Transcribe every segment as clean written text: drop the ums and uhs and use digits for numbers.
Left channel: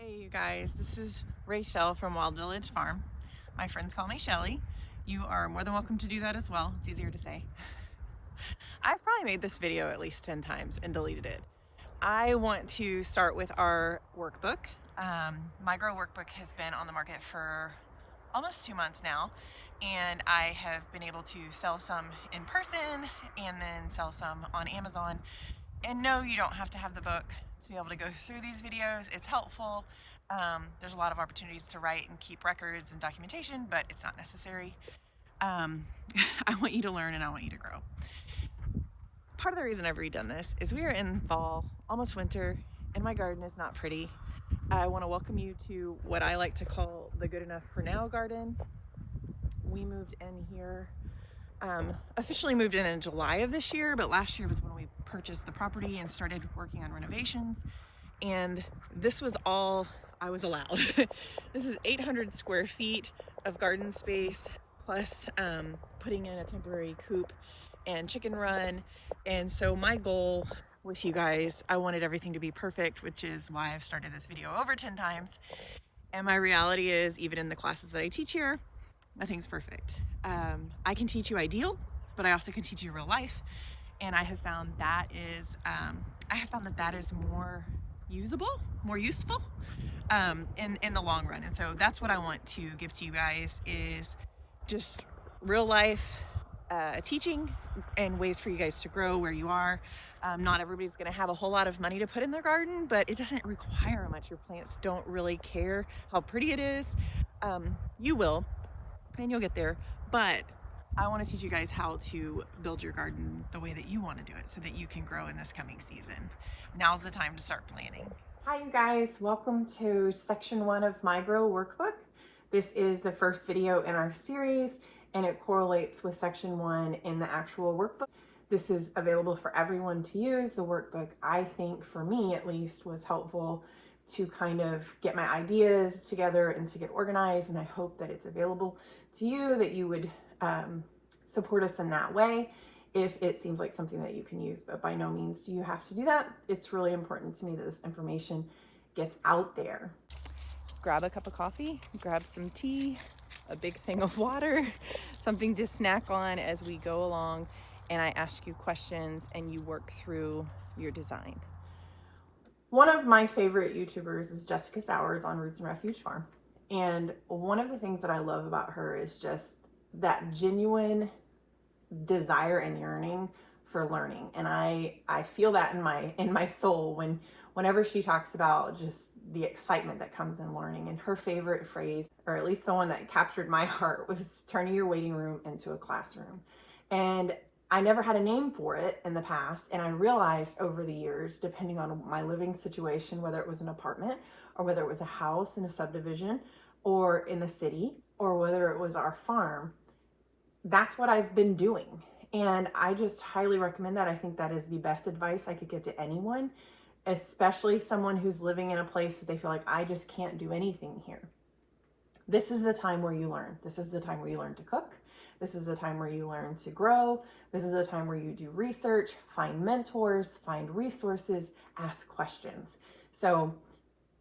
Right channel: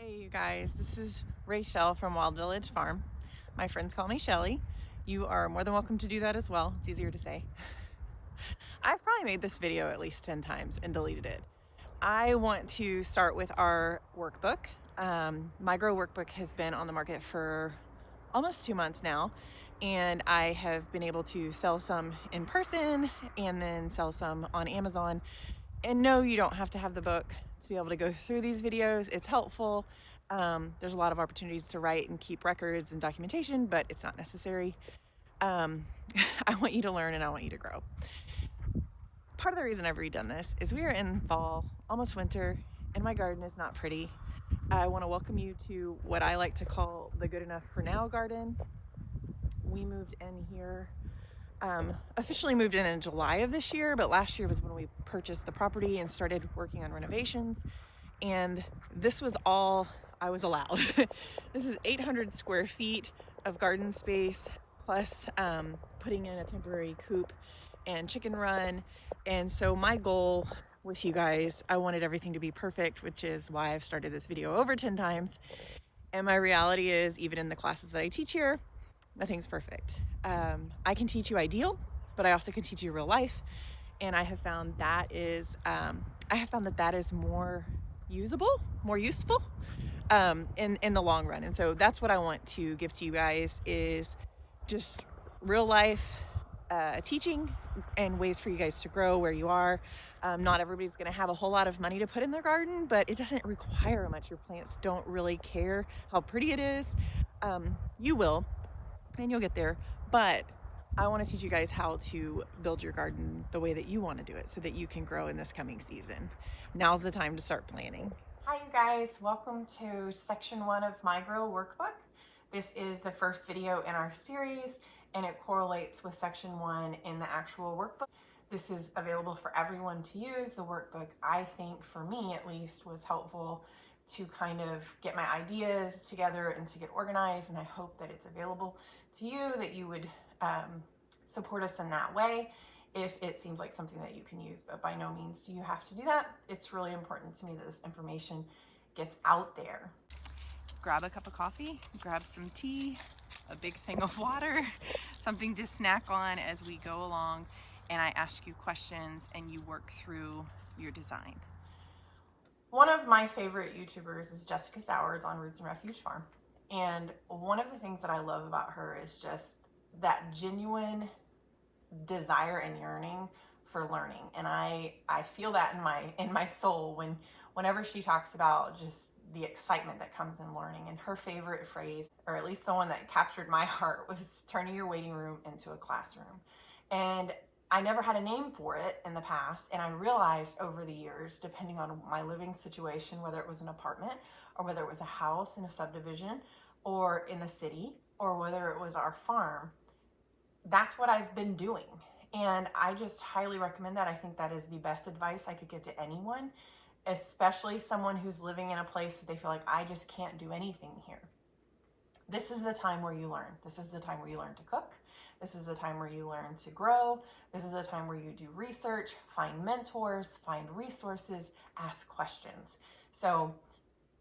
Hey you guys, this is Rachel from Wild Village Farm. My friends call me Shelly. You are more than welcome to do that as well. It's easier to say. I've probably made this video at least 10 times and deleted it. I want to start with our workbook. My Grow Workbook has been on the market for almost 2 months now, and I have been able to sell some in person and then sell some on Amazon. And no, you don't have to have the book to be able to go through these videos. It's helpful. There's a lot of opportunities to write and keep records and documentation, but it's not necessary. I want you to learn and I want you to grow. Part of the reason I've redone this is we are in fall, almost winter, and my garden is not pretty. I want to welcome you to what I like to call the good enough for now garden. We moved in here, officially moved in July of this year, but last year was when we purchased the property and started working on renovations. And this was all I was allowed. This is 800 square feet of garden space, plus putting in a temporary coop and chicken run. And so my goal with you guys, I wanted everything to be perfect, which is why I've started this video over 10 times. And my reality is, even in the classes that I teach here, nothing's perfect. I can teach you ideal, but I also can teach you real life. And I have found that is more usable, more useful in the long run. And so that's what I want to give to you guys, is just real life teaching and ways for you guys to grow where you are. Not everybody's going to have a whole lot of money to put in their garden, but it doesn't require much. Your plants don't really care how pretty it is. You will, and you'll get there, but I want to teach you guys how to build your garden the way that you want to do it so that you can grow in this coming season. Now's the time to start planning. Hi you guys, welcome to section 1 of my Grow Workbook. This is the first video in our series, and it correlates with section 1 in the actual workbook. This is available for everyone to use. The workbook, I think, for me at least, was helpful to kind of get my ideas together and to get organized, and I hope that it's available to you, that you would support us in that way if it seems like something that you can use. But by no means do you have to do that. It's really important to me that this information gets out there. Grab a cup of coffee, grab some tea, a big thing of water, something to snack on as we go along, and I ask you questions and you work through your design. One of my favorite YouTubers is Jessica Sowers on Roots and Refuge Farm. And one of the things that I love about her is just that genuine desire and yearning for learning. And I feel that in my soul whenever she talks about just the excitement that comes in learning. And her favorite phrase, or at least the one that captured my heart, was turning your waiting room into a classroom. And I never had a name for it in the past, and I realized over the years, depending on my living situation, whether it was an apartment or whether it was a house in a subdivision or in the city, or whether it was our farm, that's what I've been doing. And I just highly recommend that. I think that is the best advice I could give to anyone, especially someone who's living in a place that they feel like, I just can't do anything here. This is the time where you learn. This is the time where you learn to cook. This is the time where you learn to grow. This is the time where you do research, find mentors, find resources, ask questions. So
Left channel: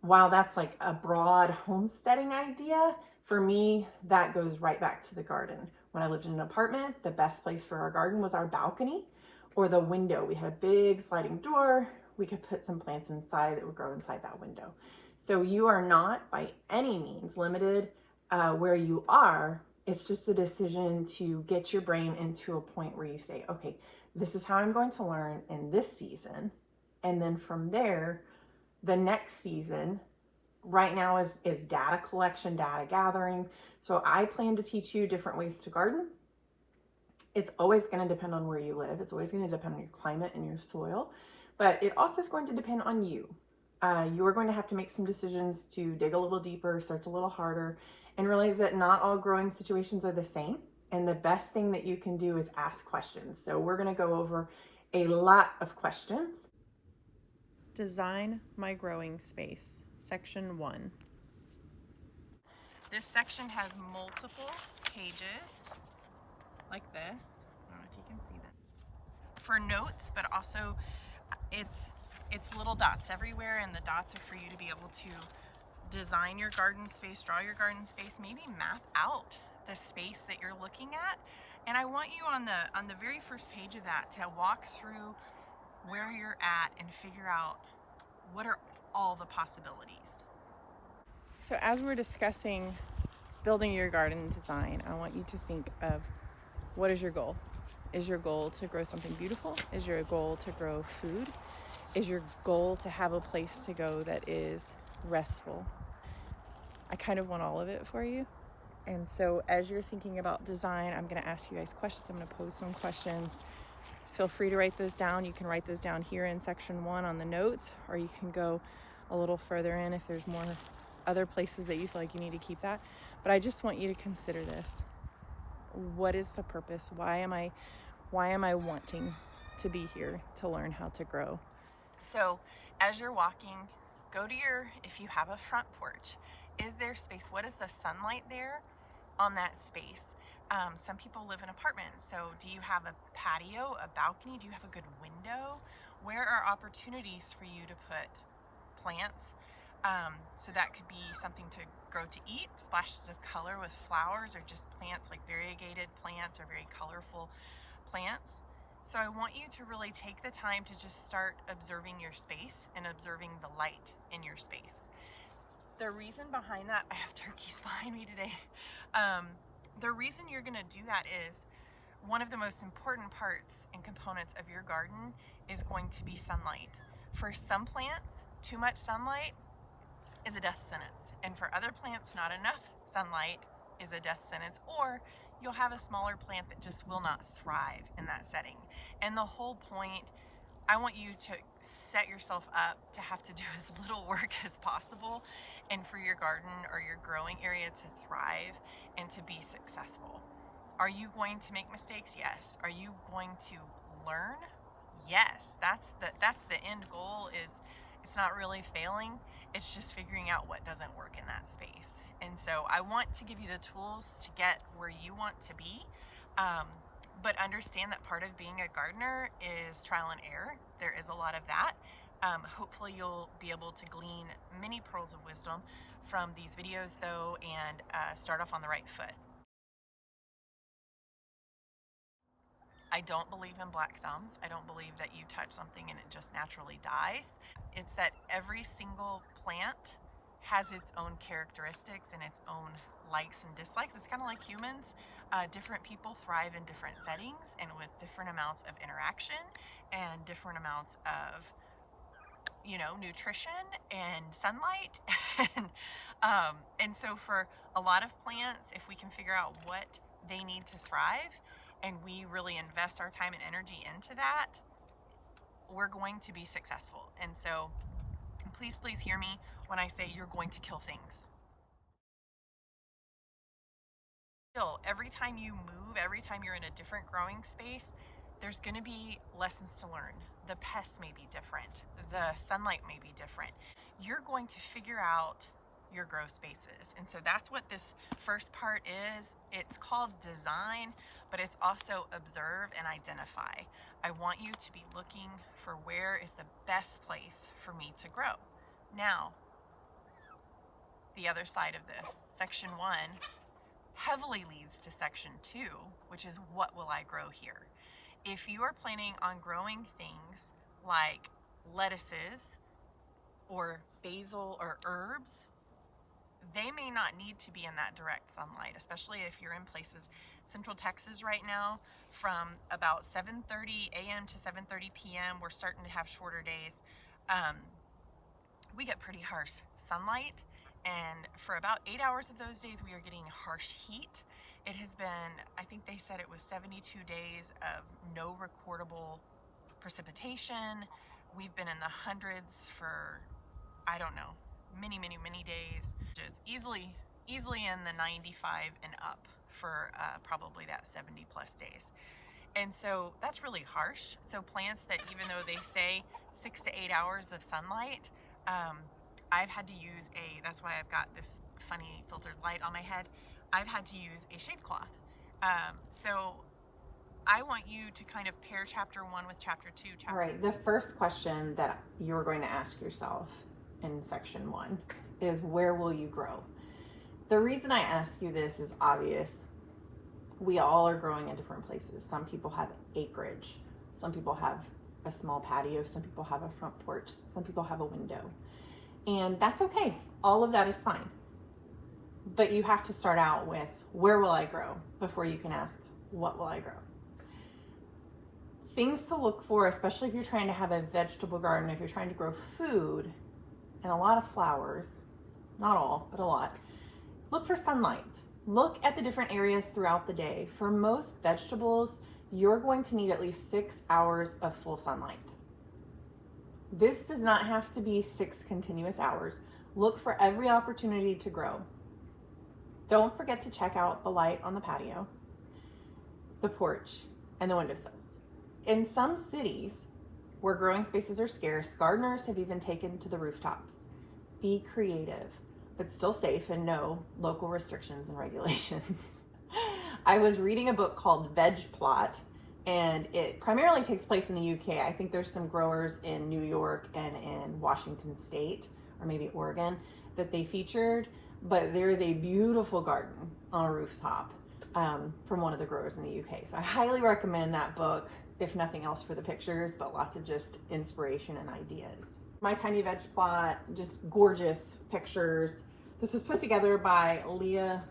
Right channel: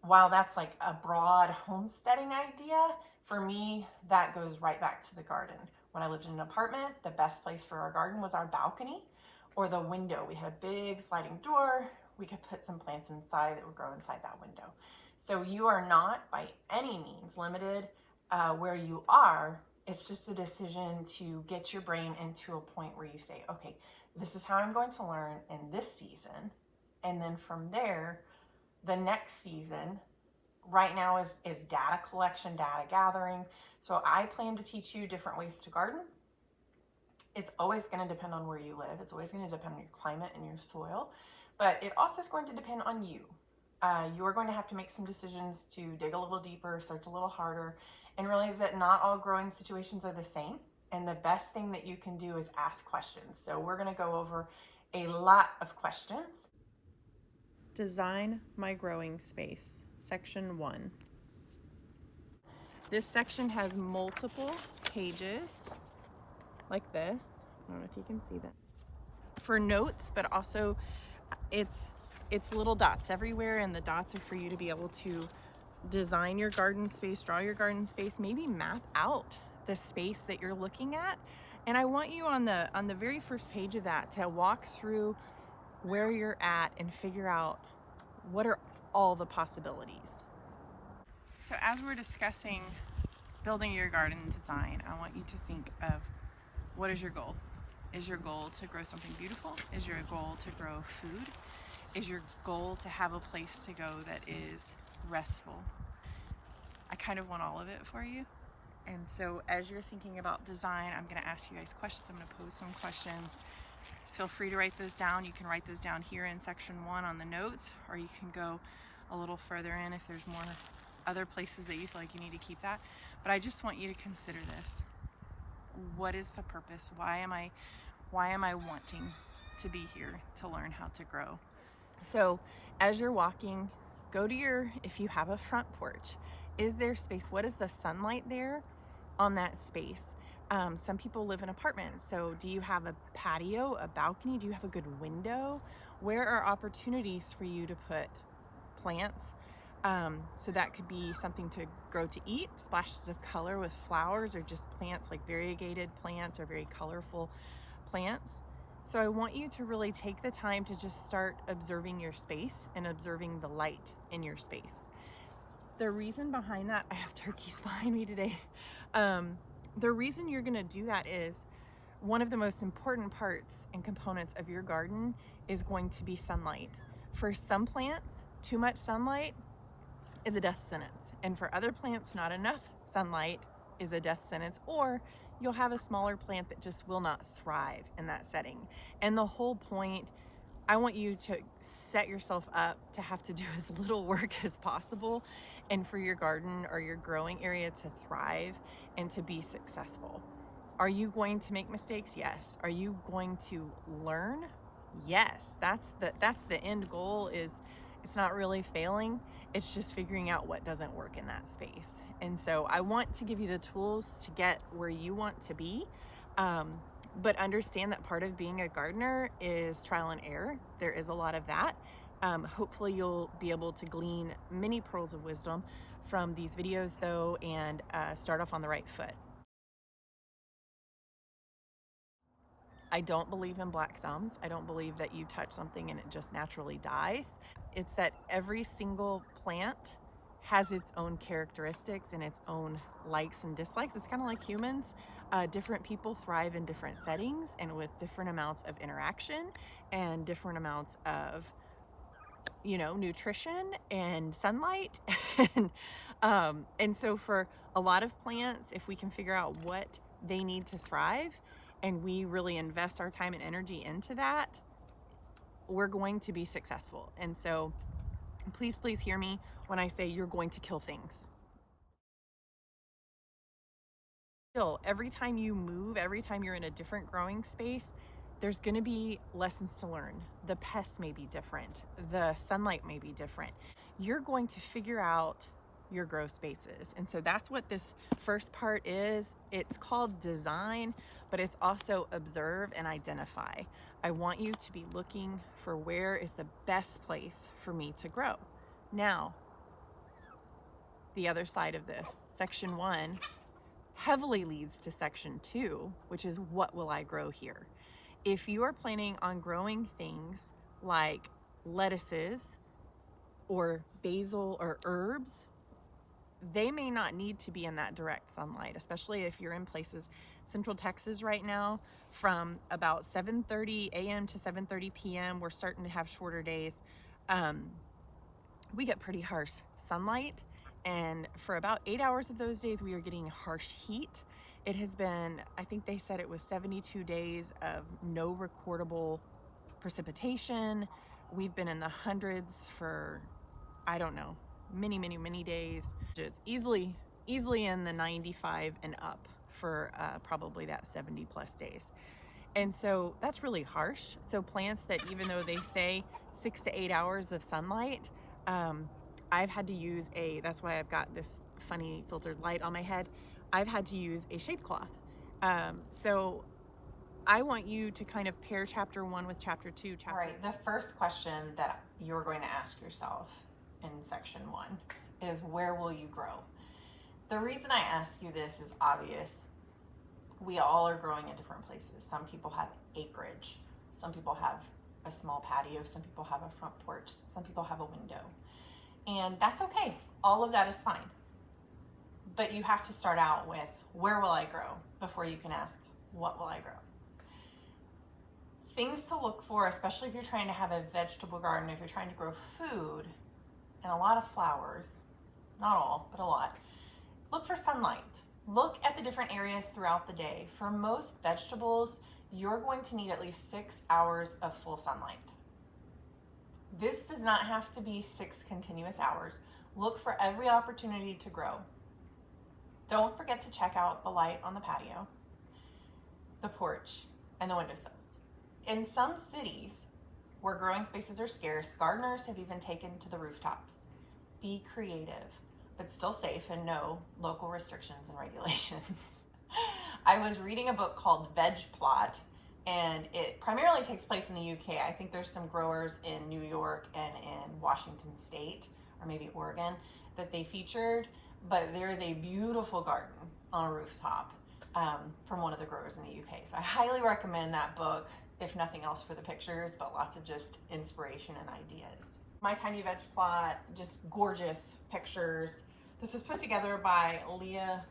while that's like a broad homesteading idea, for me, that goes right back to the garden. When I lived in an apartment, the best place for our garden was our balcony or the window. We had a big sliding door. We could put some plants inside that would grow inside that window. So you are not by any means limited where you are. It's just a decision to get your brain into a point where you say, okay, this is how I'm going to learn in this season. And then from there, the next season, right now is data collection, data gathering. So I plan to teach you different ways to garden. It's always going to depend on where you live. It's always going to depend on your climate and your soil, but it also is going to depend on you. You're going to have to make some decisions to dig a little deeper, search a little harder, and realize that not all growing situations are the same. And the best thing that you can do is ask questions. So we're going to go over a lot of questions. Design my growing space, section 1. This section has multiple pages like this. I don't know if you can see that. For notes, but also it's little dots everywhere, and the dots are for you to be able to design your garden space, draw your garden space, maybe map out the space that you're looking at. And I want you on the very first page of that to walk through where you're at and figure out what are all the possibilities. So as we're discussing building your garden design, I want you to think of, what is your goal? Is your goal to grow something beautiful? Is your goal to grow food? Is your goal to have a place to go that is restful? I kind of want all of it for you. And so as you're thinking about design, I'm going to ask you guys questions. I'm going to pose some questions. Feel free to write those down. You can write those down here in section 1 on the notes, or you can go a little further in if there's more other places that you feel like you need to keep that. But I just want you to consider this. What is the purpose? Why am I wanting to be here to learn how to grow? So as you're walking, go to if you have a front porch, is there space? What is the sunlight there on that space? Some people live in apartments. So do you have a patio, a balcony? Do you have a good window? Where are opportunities for you to put plants? So that could be something to grow to eat, splashes of color with flowers, or just plants like variegated plants or very colorful plants. So I want you to really take the time to just start observing your space and observing the light in your space. The reason behind that, I have turkeys behind me today. The reason you're gonna do that is one of the most important parts and components of your garden is going to be sunlight. For some plants, too much sunlight is a death sentence. And for other plants, not enough sunlight is a death sentence, or you'll have a smaller plant that just will not thrive in that setting. And the whole point, I want you to set yourself up to have to do as little work as possible, and for your garden or your growing area to thrive and to be successful. Are you going to make mistakes? Yes. Are you going to learn? Yes. That's the end goal. Is it's not really failing, it's just figuring out what doesn't work in that space. And so I want to give you the tools to get where you want to be. But understand that part of being a gardener is trial and error. There is a lot of that. Hopefully you'll be able to glean many pearls of wisdom from these videos though, and start off on the right foot. I don't believe in black thumbs. I don't believe that you touch something and it just naturally dies. It's that every single plant has its own characteristics and its own likes and dislikes. It's kind of like humans. Different people thrive in different settings and with different amounts of interaction and different amounts of nutrition and sunlight. And so for a lot of plants, if we can figure out what they need to thrive and we really invest our time and energy into that, we're going to be successful. And so please hear me when I say you're going to kill things. Every time you move, every time you're in a different growing space, there's going to be lessons to learn. The pests may be different. The sunlight may be different. You're going to figure out your grow spaces. And so that's what this first part is. It's called design, but it's also observe and identify. I want you to be looking for where is the best place for me to grow. Now, the other side of this, section 1, heavily leads to section 2, which is what will I grow here? If you are planning on growing things like lettuces or basil or herbs, they may not need to be in that direct sunlight, especially if you're in places, Central Texas right now, from about 7:30 a.m. to 7:30 p.m. We're starting to have shorter days. We get pretty harsh sunlight, and for about 8 hours of those days we are getting harsh heat. It has been, I think they said it was 72 days of no recordable precipitation. We've been in the hundreds for, I don't know, many days. It's easily in the 95 and up for probably that 70 plus days. And so that's really harsh. So plants that, even though they say 6 to 8 hours of sunlight, I've had to use that's why I've got this funny filtered light on my head. I've had to use a shade cloth. So I want you to kind of pair chapter 1 with chapter 2. All right, the first question that you're going to ask yourself in section 1 is where will you grow? The reason I ask you this is obvious. We all are growing in different places. Some people have acreage. Some people have a small patio. Some people have a front porch. Some people have a window. And that's okay. All of that is fine. But you have to start out with, where will I grow? Before you can ask, what will I grow? Things to look for, especially if you're trying to have a vegetable garden, if you're trying to grow food and a lot of flowers, not all, but a lot, look for sunlight. Look at the different areas throughout the day. For most vegetables, you're going to need at least 6 hours of full sunlight. This does not have to be 6 continuous hours. Look for every opportunity to grow. Don't forget to check out the light on the patio, the porch, and the windowsills. In some cities where growing spaces are scarce, gardeners have even taken to the rooftops. Be creative, but still safe, and know local restrictions and regulations. I was reading a book called Veg Plot, and it primarily takes place in the UK. I think there's some growers in New York and in Washington State, or maybe Oregon, that they featured, but there is a beautiful garden on a rooftop from one of the growers in the UK. So I highly recommend that book, if nothing else for the pictures, but lots of just inspiration and ideas. My tiny veg plot, just gorgeous pictures. This was put together by Leah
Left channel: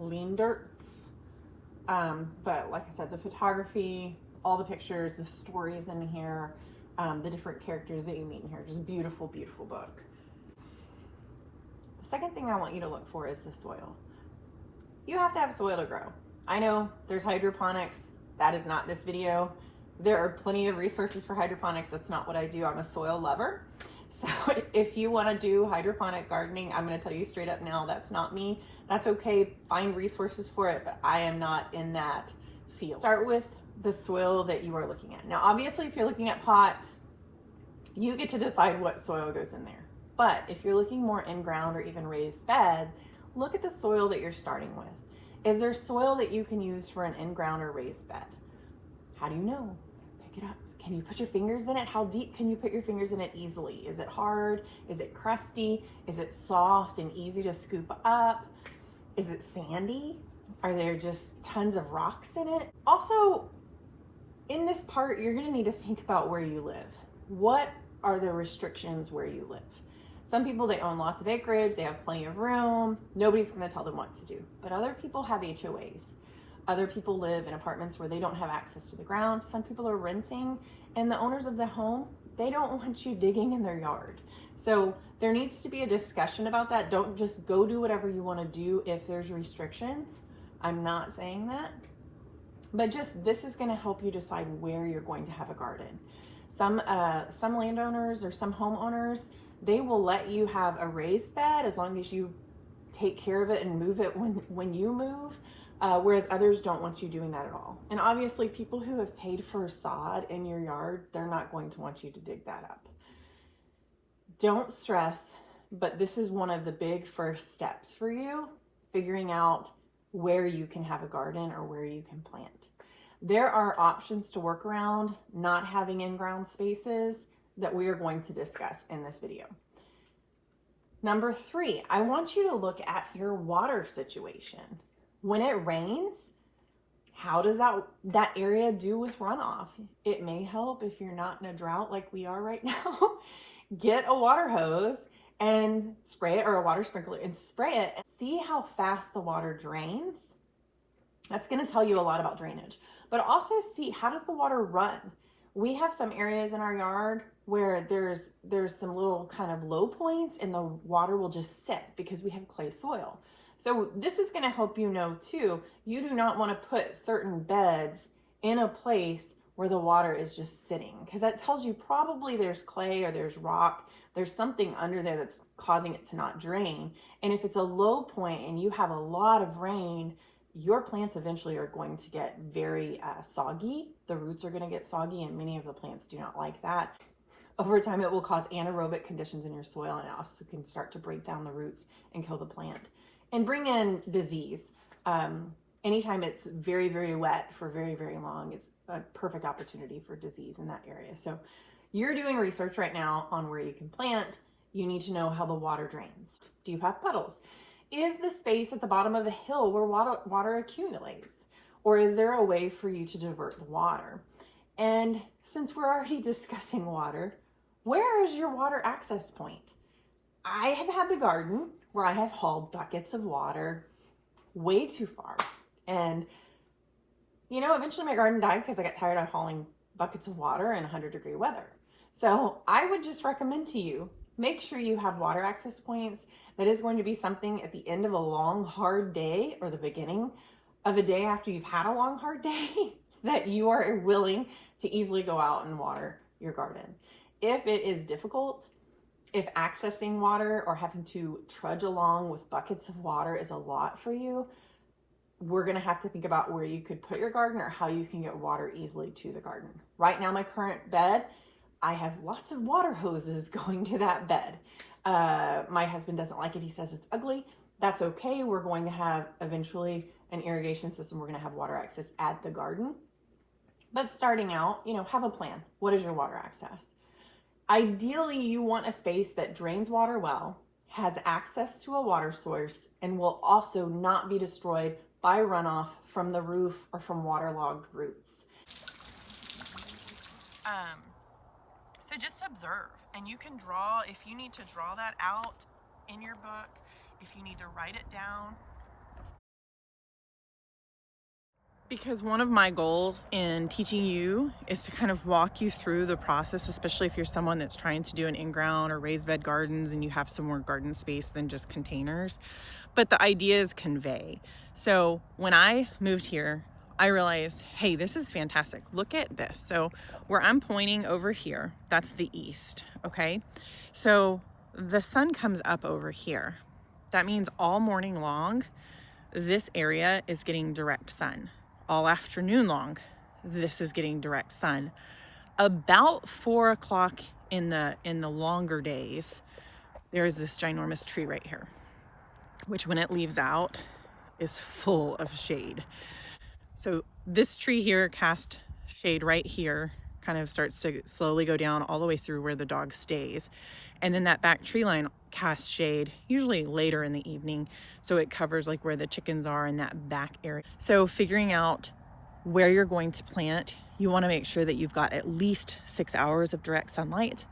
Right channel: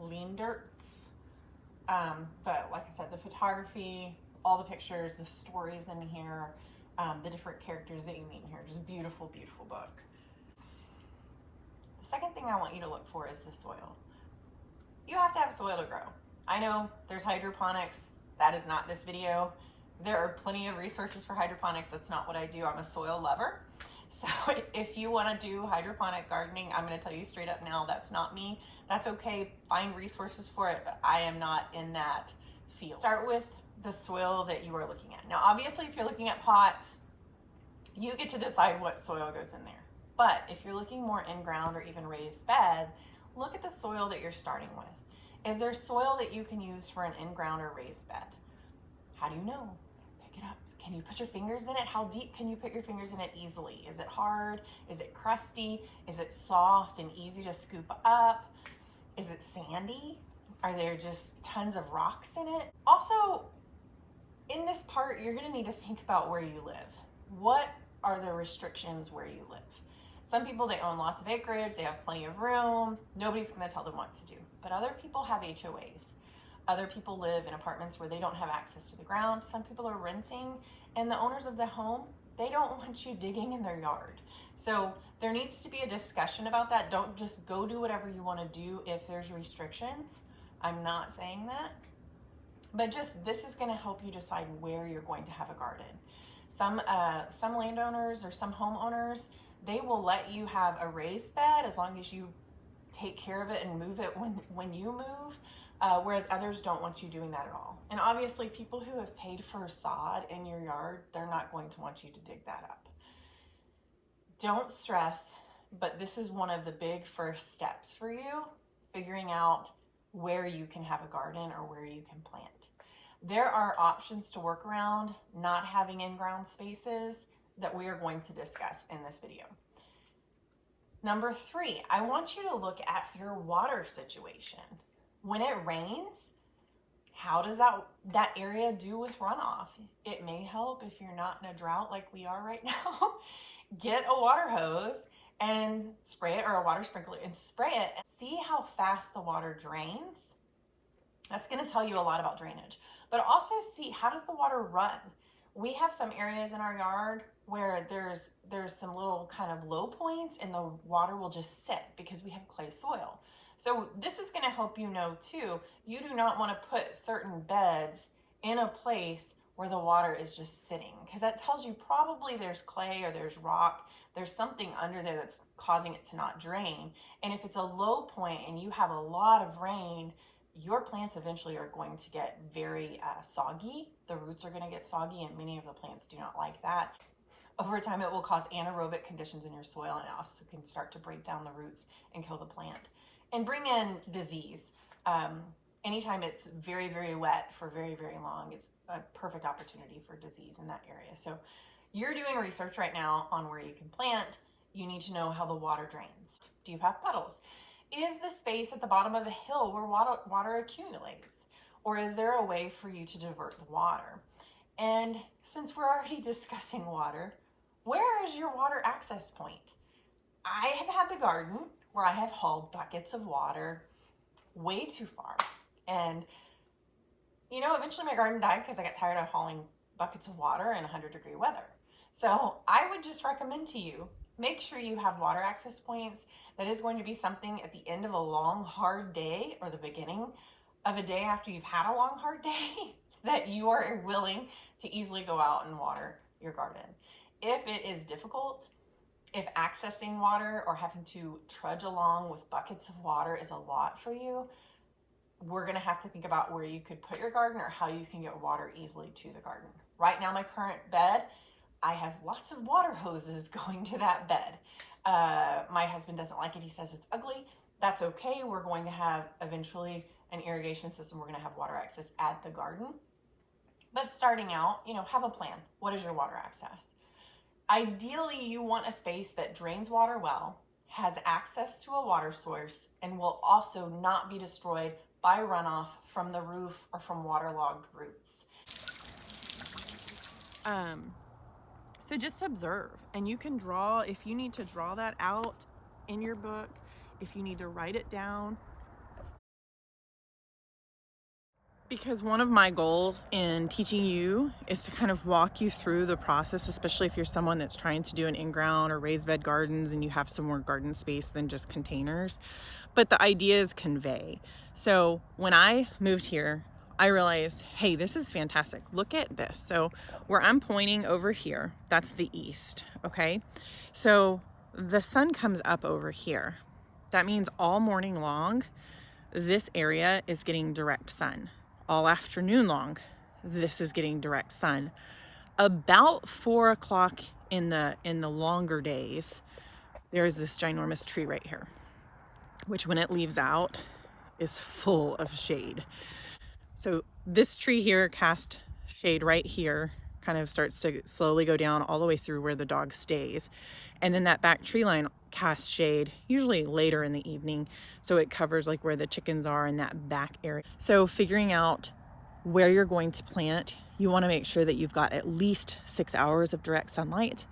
Leendertz. But like I said, the photography, all the pictures, the stories in here, the different characters that you meet in here, just beautiful, beautiful book. The second thing I want you to look for is the soil. You have to have soil to grow. I know there's hydroponics. That is not this video. There are plenty of resources for hydroponics. That's not what I do. I'm a soil lover. So if you want to do hydroponic gardening, I'm going to tell you straight up now, that's not me. That's okay. Find resources for it, but I am not in that field. Start with the soil that you are looking at. Now, obviously, if you're looking at pots, you get to decide what soil goes in there. But if you're looking more in ground or even raised bed, look at the soil that you're starting with. Is there soil that you can use for an in-ground or raised bed? How do you know? Pick it up. Can you put your fingers in it? How deep can you put your fingers in it easily? Is it hard? Is it crusty? Is it soft and easy to scoop up? Is it sandy? Are there just tons of rocks in it? Also, in this part, you're gonna need to think about where you live. What are the restrictions where you live? Some people, they own lots of acreage, they have plenty of room, nobody's gonna tell them what to do. But other people have HOAs. Other people live in apartments where they don't have access to the ground. Some people are renting, and the owners of the home, they don't want you digging in their yard. So there needs to be a discussion about that. Don't just go do whatever you wanna do if there's restrictions. I'm not saying that, but just this is gonna help you decide where you're going to have a garden. Some landowners or some homeowners, they will let you have a raised bed as long as you take care of it and move it when you move, whereas others don't want you doing that at all. And obviously people who have paid for sod in your yard, they're not going to want you to dig that up. Don't stress, but this is one of the big first steps for you, figuring out where you can have a garden or where you can plant. There are options to work around not having in-ground spaces that we are going to discuss in this video. Number 3, I want you to look at your water situation. When it rains, how does that area do with runoff? It may help if you're not in a drought like we are right now. Get a water hose and spray it, or a water sprinkler and spray it, and see how fast the water drains. That's going to tell you a lot about drainage, but also see, how does the water run? We have some areas in our yard where there's some little kind of low points and the water will just sit because we have clay soil. So this is going to help you know too, you do not want to put certain beds in a place where the water is just sitting, because that tells you probably there's clay or there's rock, there's something under there that's causing it to not drain. And if it's a low point and you have a lot of rain, your plants eventually are going to get very soggy. The roots are going to get soggy, and many of the plants do not like that. Over time, it will cause anaerobic conditions in your soil, and it also can start to break down the roots and kill the plant and bring in disease. Anytime it's very, very wet for very, very long, it's a perfect opportunity for disease in that area. So you're doing research right now on where you can plant. You need to know how the water drains. Do you have puddles? Is the space at the bottom of a hill where water accumulates? Or is there a way for you to divert the water? And since we're already discussing water, where is your water access point? I have had the garden where I have hauled buckets of water way too far. And, you know, eventually my garden died because I got tired of hauling buckets of water in 100-degree weather. So I would just recommend to you, make sure you have water access points. That is going to be something at the end of a long, hard day, or the beginning of a day after you've had a long, hard day, that you are willing to easily go out and water your garden. If it is difficult, if accessing water or having to trudge along with buckets of water is a lot for you, we're gonna have to think about where you could put your garden or how you can get water easily to the garden. Right now, my current bed, I have lots of water hoses going to that bed. My husband doesn't like it. He says it's ugly. That's okay. We're going to have eventually an irrigation system. We're going to have water access at the garden. But starting out, you know, have a plan. What is your water access? Ideally, you want a space that drains water well, has access to a water source, and will also not be destroyed by runoff from the roof or from waterlogged roots. So just observe, and you can draw, if you need to draw that out in your book, if you need to write it down. Because one of my goals in teaching you is to kind of walk you through the process, especially if you're someone that's trying to do an in-ground or raised bed gardens and you have some more garden space than just containers. But the idea is convey. So when I moved here, I realized, hey, this is fantastic. Look at this. So where I'm pointing over here, that's the east, okay? So the sun comes up over here. That means all morning long, this area is getting direct sun. All afternoon long, this is getting direct sun. About 4 o'clock in the longer days, there's this ginormous tree right here, which when it leaves out is full of shade. So this tree here cast shade right here, kind of starts to slowly go down all the way through where the dog stays. And then that back tree line casts shade, usually later in the evening. So it covers like where the chickens are in that back area. So figuring out where you're going to plant, you want to make sure that you've got at least 6 hours of direct sunlight.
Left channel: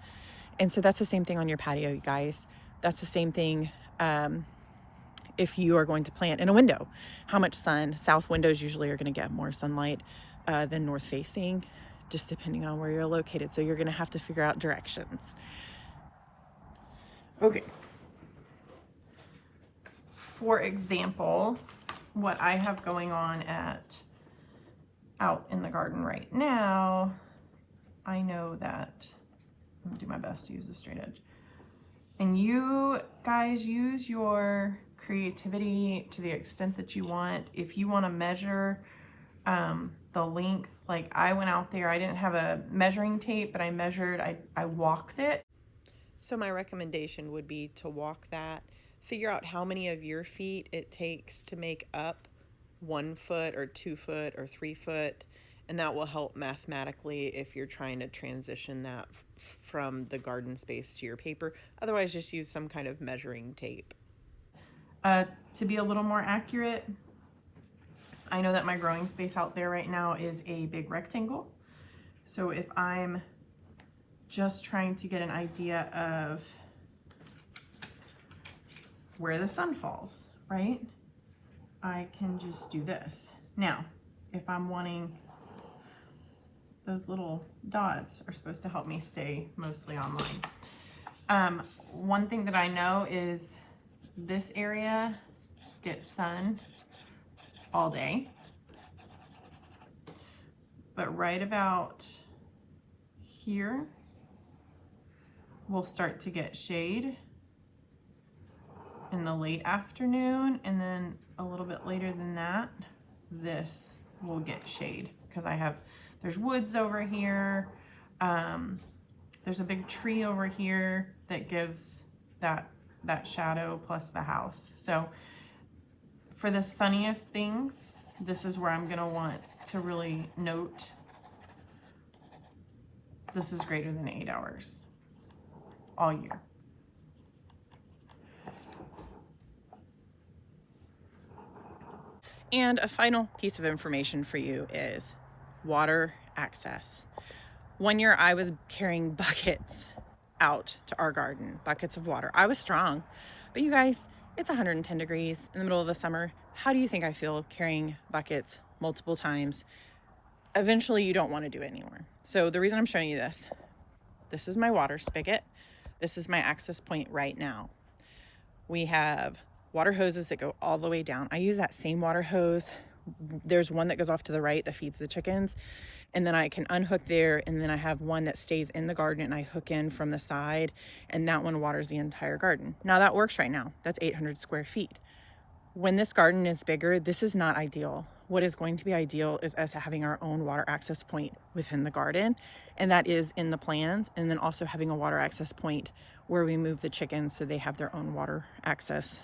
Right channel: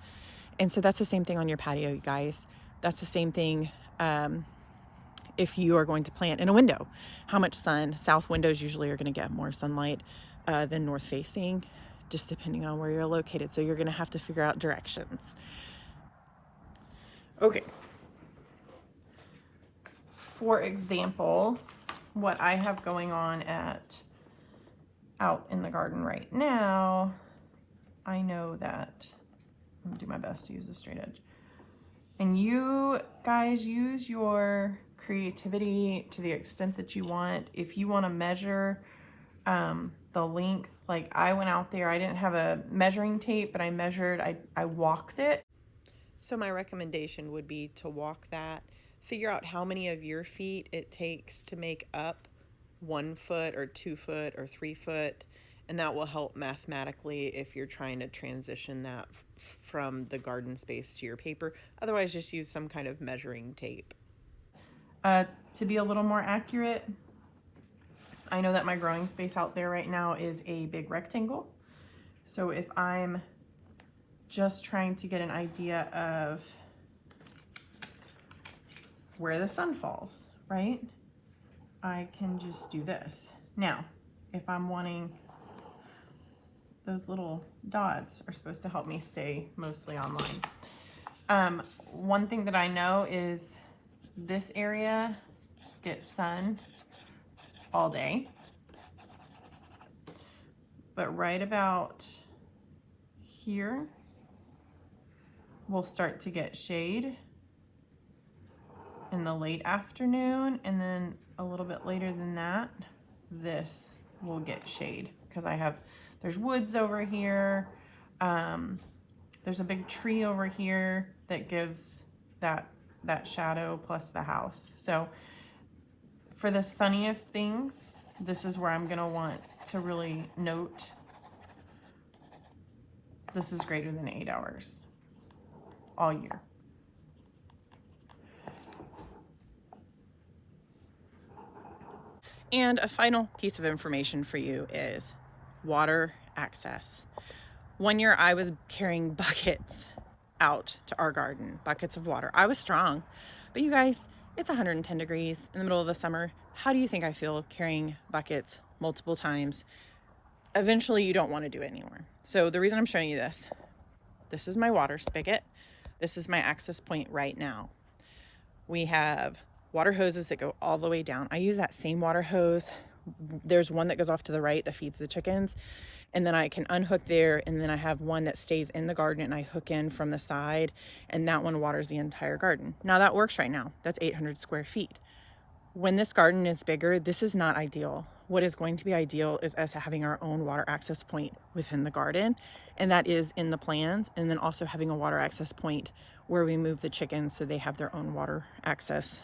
And so that's the same thing on your patio, you guys. That's the same thing if you are going to plant in a window. How much sun? South windows usually are going to get more sunlight than north facing, just depending on where you're located. So you're going to have to figure out directions. Okay. For example, what I have going on out in the garden right now, I know that, I'm gonna do my best to use a straight edge. And you guys use your creativity to the extent that you want. If you want to measure the length, like I went out there, I didn't have a measuring tape, but I measured, I walked it. So my recommendation would be to walk that, figure out how many of your feet it takes to make up 1 foot or 2 foot or 3 foot. And that will help mathematically if you're trying to transition that from the garden space to your paper. Otherwise, just use some kind of measuring tape. To be a little more accurate, I know that my growing space out there right now is a big rectangle. So if I'm just trying to get an idea of where the sun falls, right? I can just do this. Now, if I'm wanting, those little dots are supposed to help me stay mostly on line. One thing that I know is this area gets sun all day, but right about here, we'll start to get shade in the late afternoon, and then a little bit later than that, this will get shade because there's woods over here. There's a big tree over here that gives that shadow plus the house. So for the sunniest things, this is where I'm gonna want to really note this is greater than 8 hours all year. And a final piece of information for you is water access. One year I was carrying buckets out to our garden, buckets of water. I was strong, but you guys, it's 110 degrees in the middle of the summer. How do you think I feel carrying buckets multiple times? Eventually you don't want to do it anymore. So the reason I'm showing you this is my water spigot. This is my access point right now. We have water hoses that go all the way down. I use that same water hose. There's one that goes off to the right that feeds the chickens, and then I can unhook there, and then I have one that stays in the garden and I hook in from the side, and that one waters the entire garden. Now that works right now. That's 800 square feet. When this garden is bigger, this is not ideal. What is going to be ideal is us having our own water access point within the garden, and that is in the plans, and then also having a water access point where we move the chickens so they have their own water access.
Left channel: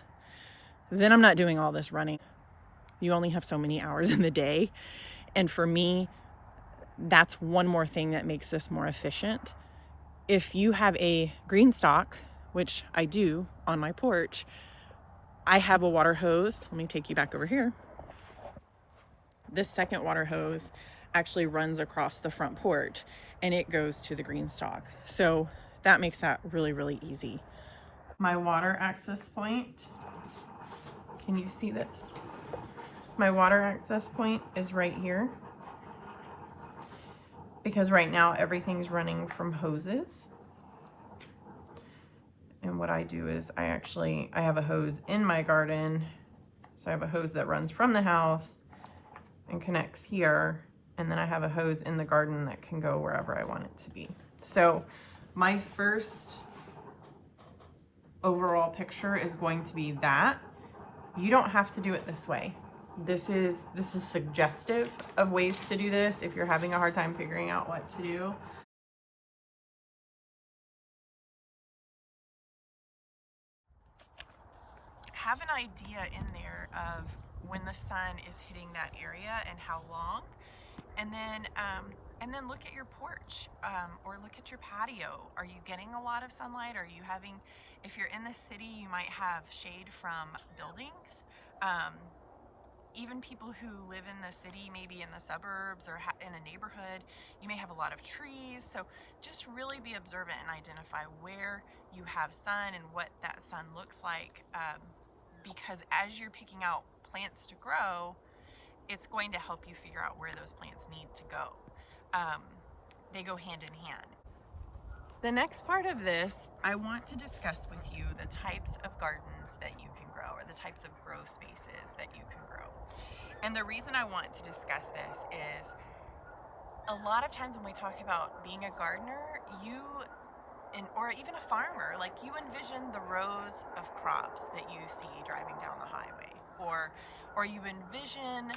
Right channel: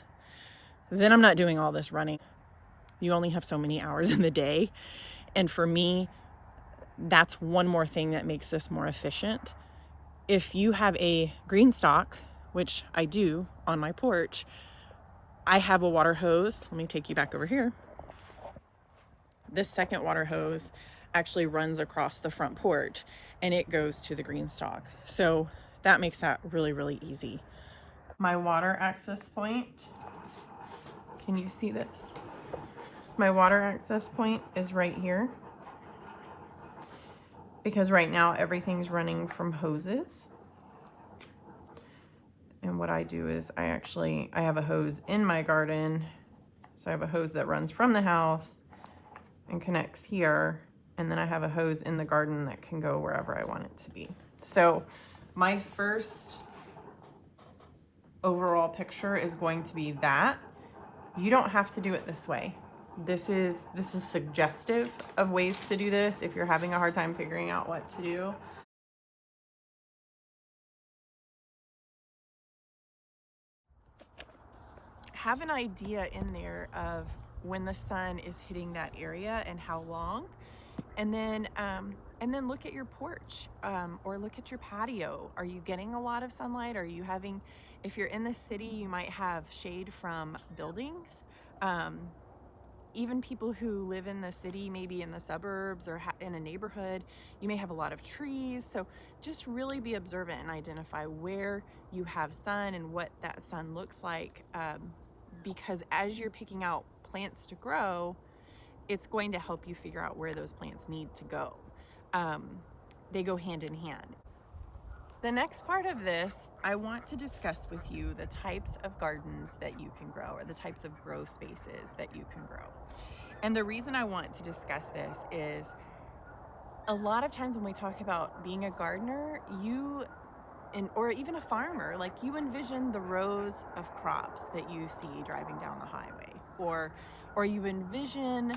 Then I'm not doing all this running. You only have so many hours in the day, and for me, that's one more thing that makes this more efficient. If you have a green stalk, which I do on my porch, I have a water hose. Let me take you back over here. This second water hose actually runs across the front porch and it goes to the green stalk. So that makes that really, really easy. My water access point, can you see this? My water access point is right here, because right now everything's running from hoses. And what I do is I have a hose in my garden. So I have a hose that runs from the house and connects here. And then I have a hose in the garden that can go wherever I want it to be. So my first overall picture is going to be that. You don't have to do it this way. This is suggestive of ways to do this if you're having a hard time figuring out what to do. Have an idea in there of when the sun is hitting that area and how long, and then look at your porch, or look at your patio. Are you getting a lot of sunlight? Are you having, if you're in the city, you might have shade from buildings. Even people who live in the city, maybe in the suburbs or in a neighborhood, you may have a lot of trees. So just really be observant and identify where you have sun and what that sun looks like. Because as you're picking out plants to grow, it's going to help you figure out where those plants need to go. They go hand in hand. The next part of this, I want to discuss with you the types of gardens that you can grow, or the types of grow spaces that you can grow. And the reason I want to discuss this is a lot of times when we talk about being a gardener, or even a farmer, like you envision the rows of crops that you see driving down the highway, or you envision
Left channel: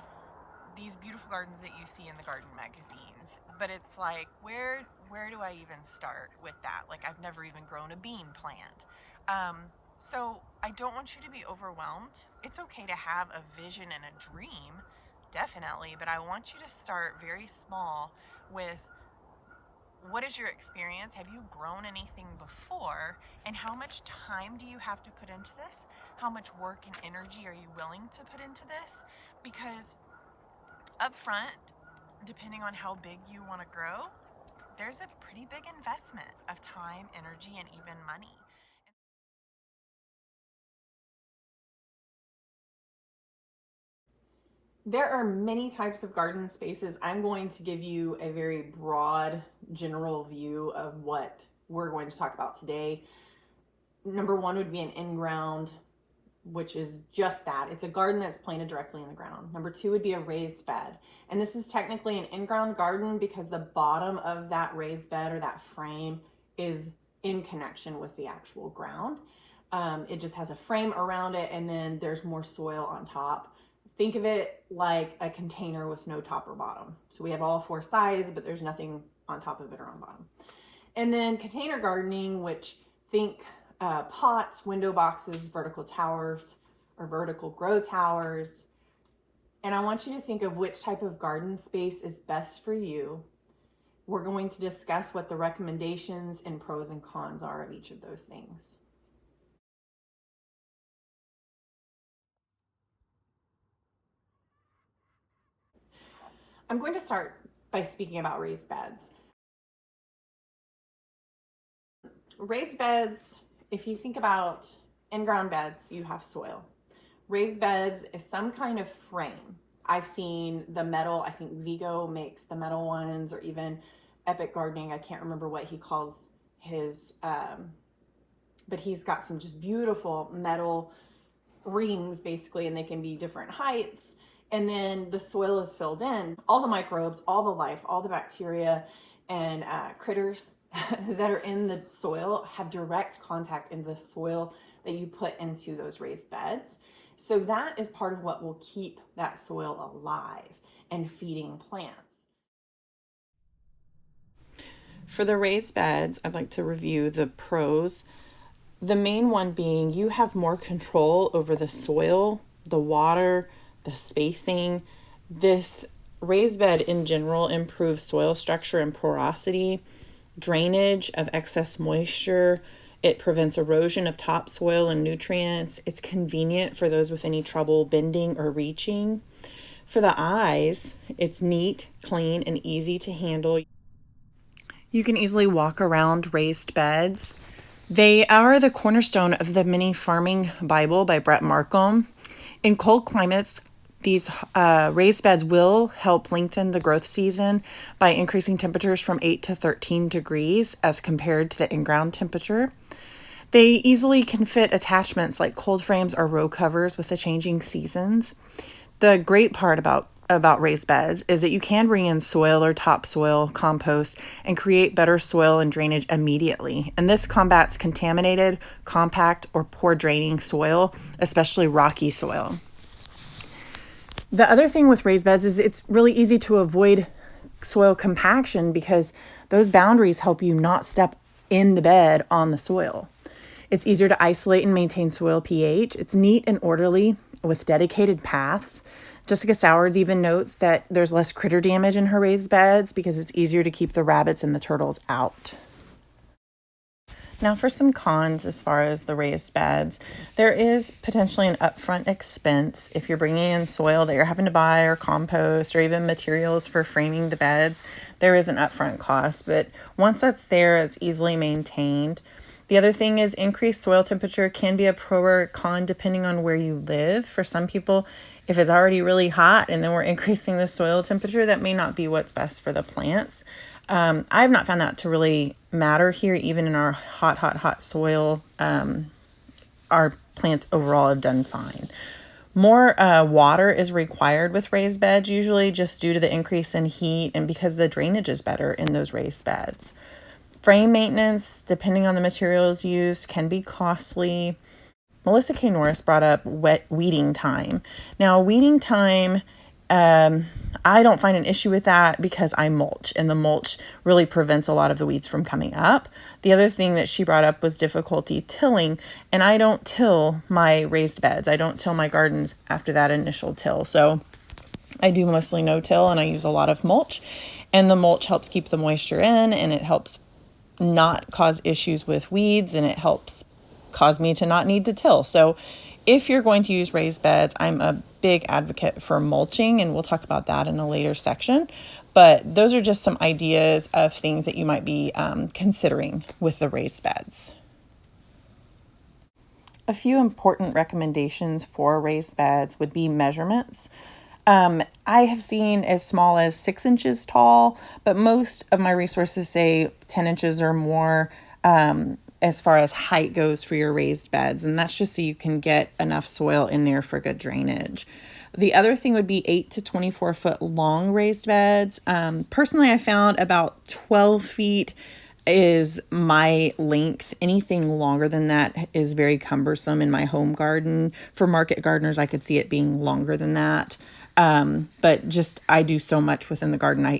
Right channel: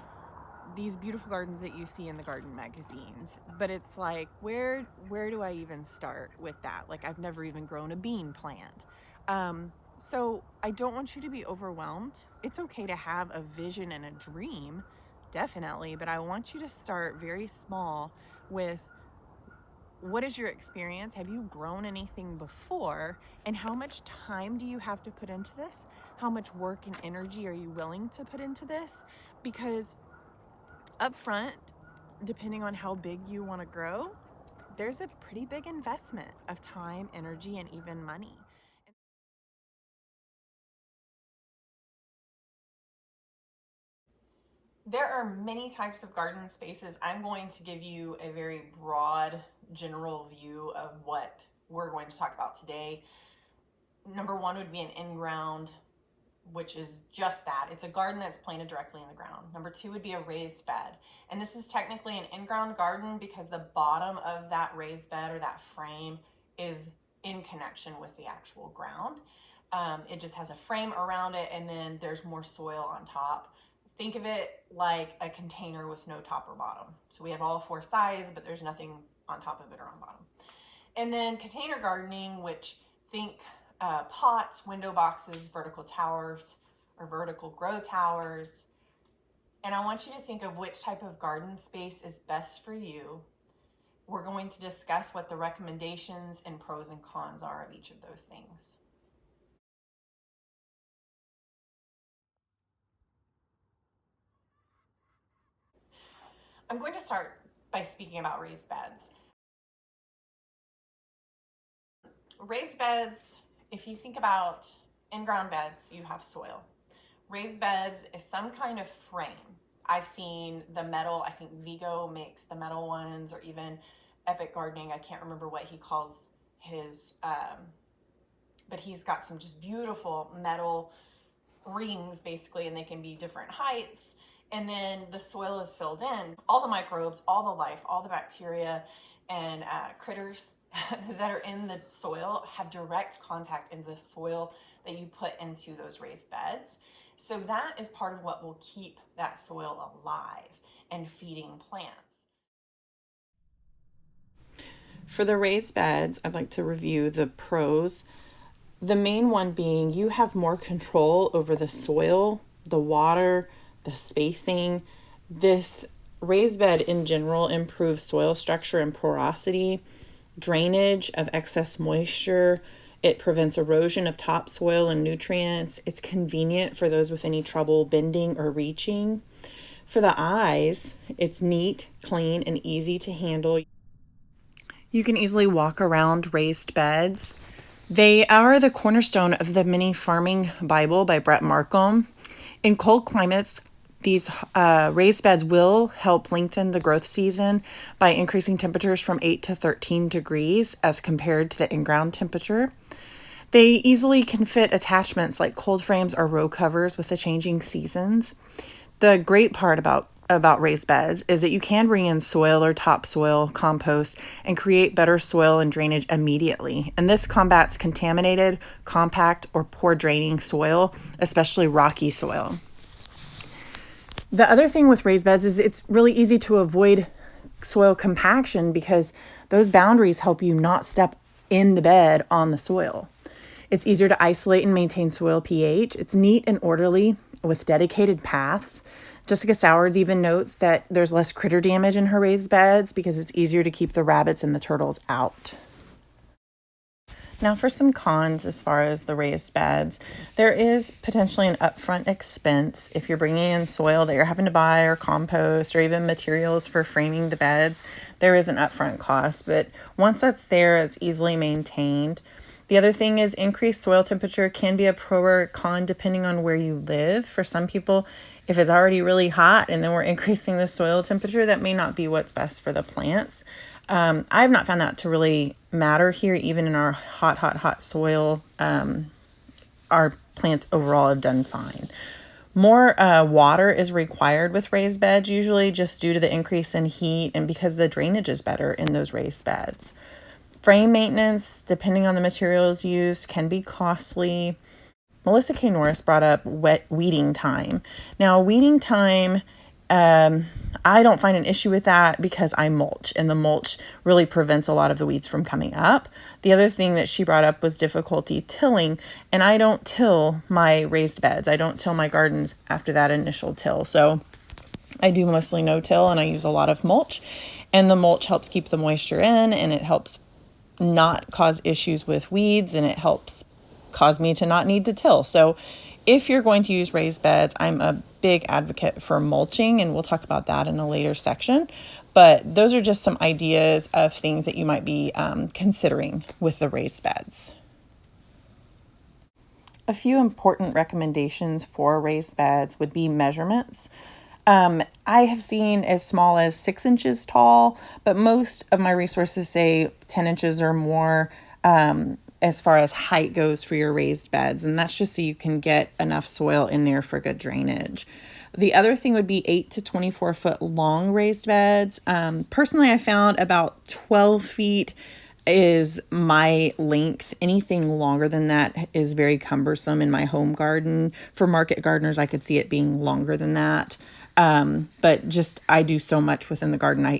these beautiful gardens that you see in the garden magazines, but it's like, where do I even start with that? Like, I've never even grown a bean plant. So I don't want you to be overwhelmed. It's okay to have a vision and a dream, definitely, but I want you to start very small with, what is your experience? Have you grown anything before? And how much time do you have to put into this? How much work and energy are you willing to put into this? Because up front, depending on how big you want to grow, there's a pretty big investment of time, energy, and even money. There are many types of garden spaces. I'm going to give you a very broad, general view of what we're going to talk about today. Number one would be an in-ground, which is just that. It's a garden that's planted directly in the ground. Number two would be a raised bed. And this is technically an in-ground garden because the bottom of that raised bed or that frame is in connection with the actual ground. It just has a frame around it, and then there's more soil on top. Think of it like a container with no top or bottom. So we have all four sides, but there's nothing on top of it or on bottom. And then container gardening, which think pots, window boxes, vertical towers, or vertical grow towers. And I want you to think of which type of garden space is best for you. We're going to discuss what the recommendations and pros and cons are of each of those things. I'm going to start by speaking about raised beds. Raised beds, if you think about in-ground beds, you have soil. Raised beds is some kind of frame. I've seen the metal, I think Vigo makes the metal ones, or even Epic Gardening. I can't remember what he calls his, but he's got some just beautiful metal rings basically, and they can be different heights. And then the soil is filled in. All the microbes, all the life, all the bacteria and critters that are in the soil have direct contact in the soil that you put into those raised beds. So that is part of what will keep that soil alive and feeding plants. For the raised beds, I'd like to review the pros. The main one being you have more control over the soil, the water, the spacing. This raised bed in general improves soil structure and porosity, drainage of excess moisture. It prevents erosion of topsoil and nutrients. It's convenient for those with any trouble bending or reaching. For the eyes, it's neat, clean, and easy to handle. You can easily walk around raised beds. They are the cornerstone of the Mini Farming Bible by Brett Markham. In cold climates, these raised beds will help lengthen the growth season by increasing temperatures from 8 to 13 degrees as compared to the in-ground temperature. They easily can fit attachments like cold frames or row covers with the changing seasons. The great part about raised beds is that you can bring in soil or topsoil, compost, and create better soil and drainage immediately. And this combats contaminated, compact, or poor draining soil, especially rocky soil. The other thing with raised beds is it's really easy to avoid soil compaction because those boundaries help you not step in the bed on the soil. It's easier to isolate and maintain soil pH. It's neat and orderly with dedicated paths. Jessica Sowards even notes that there's less critter damage in her raised beds because it's easier to keep the rabbits and the turtles out. Now for some cons as far as the raised beds. There is potentially an upfront expense if you're bringing in soil that you're having to buy or compost or even materials for framing the beds. There is an upfront cost, but once that's there, it's easily maintained. The other thing is increased soil temperature can be a pro or con depending on where you live. For some people, if it's already really hot and then we're increasing the soil temperature, that may not be what's best for the plants. I have not found that to really matter here, even in our hot soil. Our plants overall have done fine. More water is required with raised beds, usually just due to the increase in heat and because the drainage is better in those raised beds. Frame maintenance, depending on the materials used, can be costly. Melissa K. Norris brought up weeding time. Now, weeding time, I don't find an issue with that because I mulch, and the mulch really prevents a lot of the weeds from coming up. The other thing that she brought up was difficulty tilling, and I don't till my raised beds. I don't till my gardens after that initial till. So I do mostly no-till, and I use a lot of mulch, and the mulch helps keep the moisture in, and it helps not cause issues with weeds, and it helps cause me to not need to till. So if you're going to use raised beds, I'm a big advocate for mulching, and we'll talk about that in a later section. But those are just some ideas of things that you might be considering with the raised beds. A few important recommendations for raised beds would be measurements. I have seen as small as 6 inches tall, but most of my resources say 10 inches or more as far as height goes for your raised beds. And that's just so you can get enough soil in there for good drainage. The other thing would be 8 to 24 foot long raised beds. Personally, I found about 12 feet is my length. Anything longer than that is very cumbersome in my home garden. For market gardeners, I could see it being longer than that. But just, I do so much within the garden. I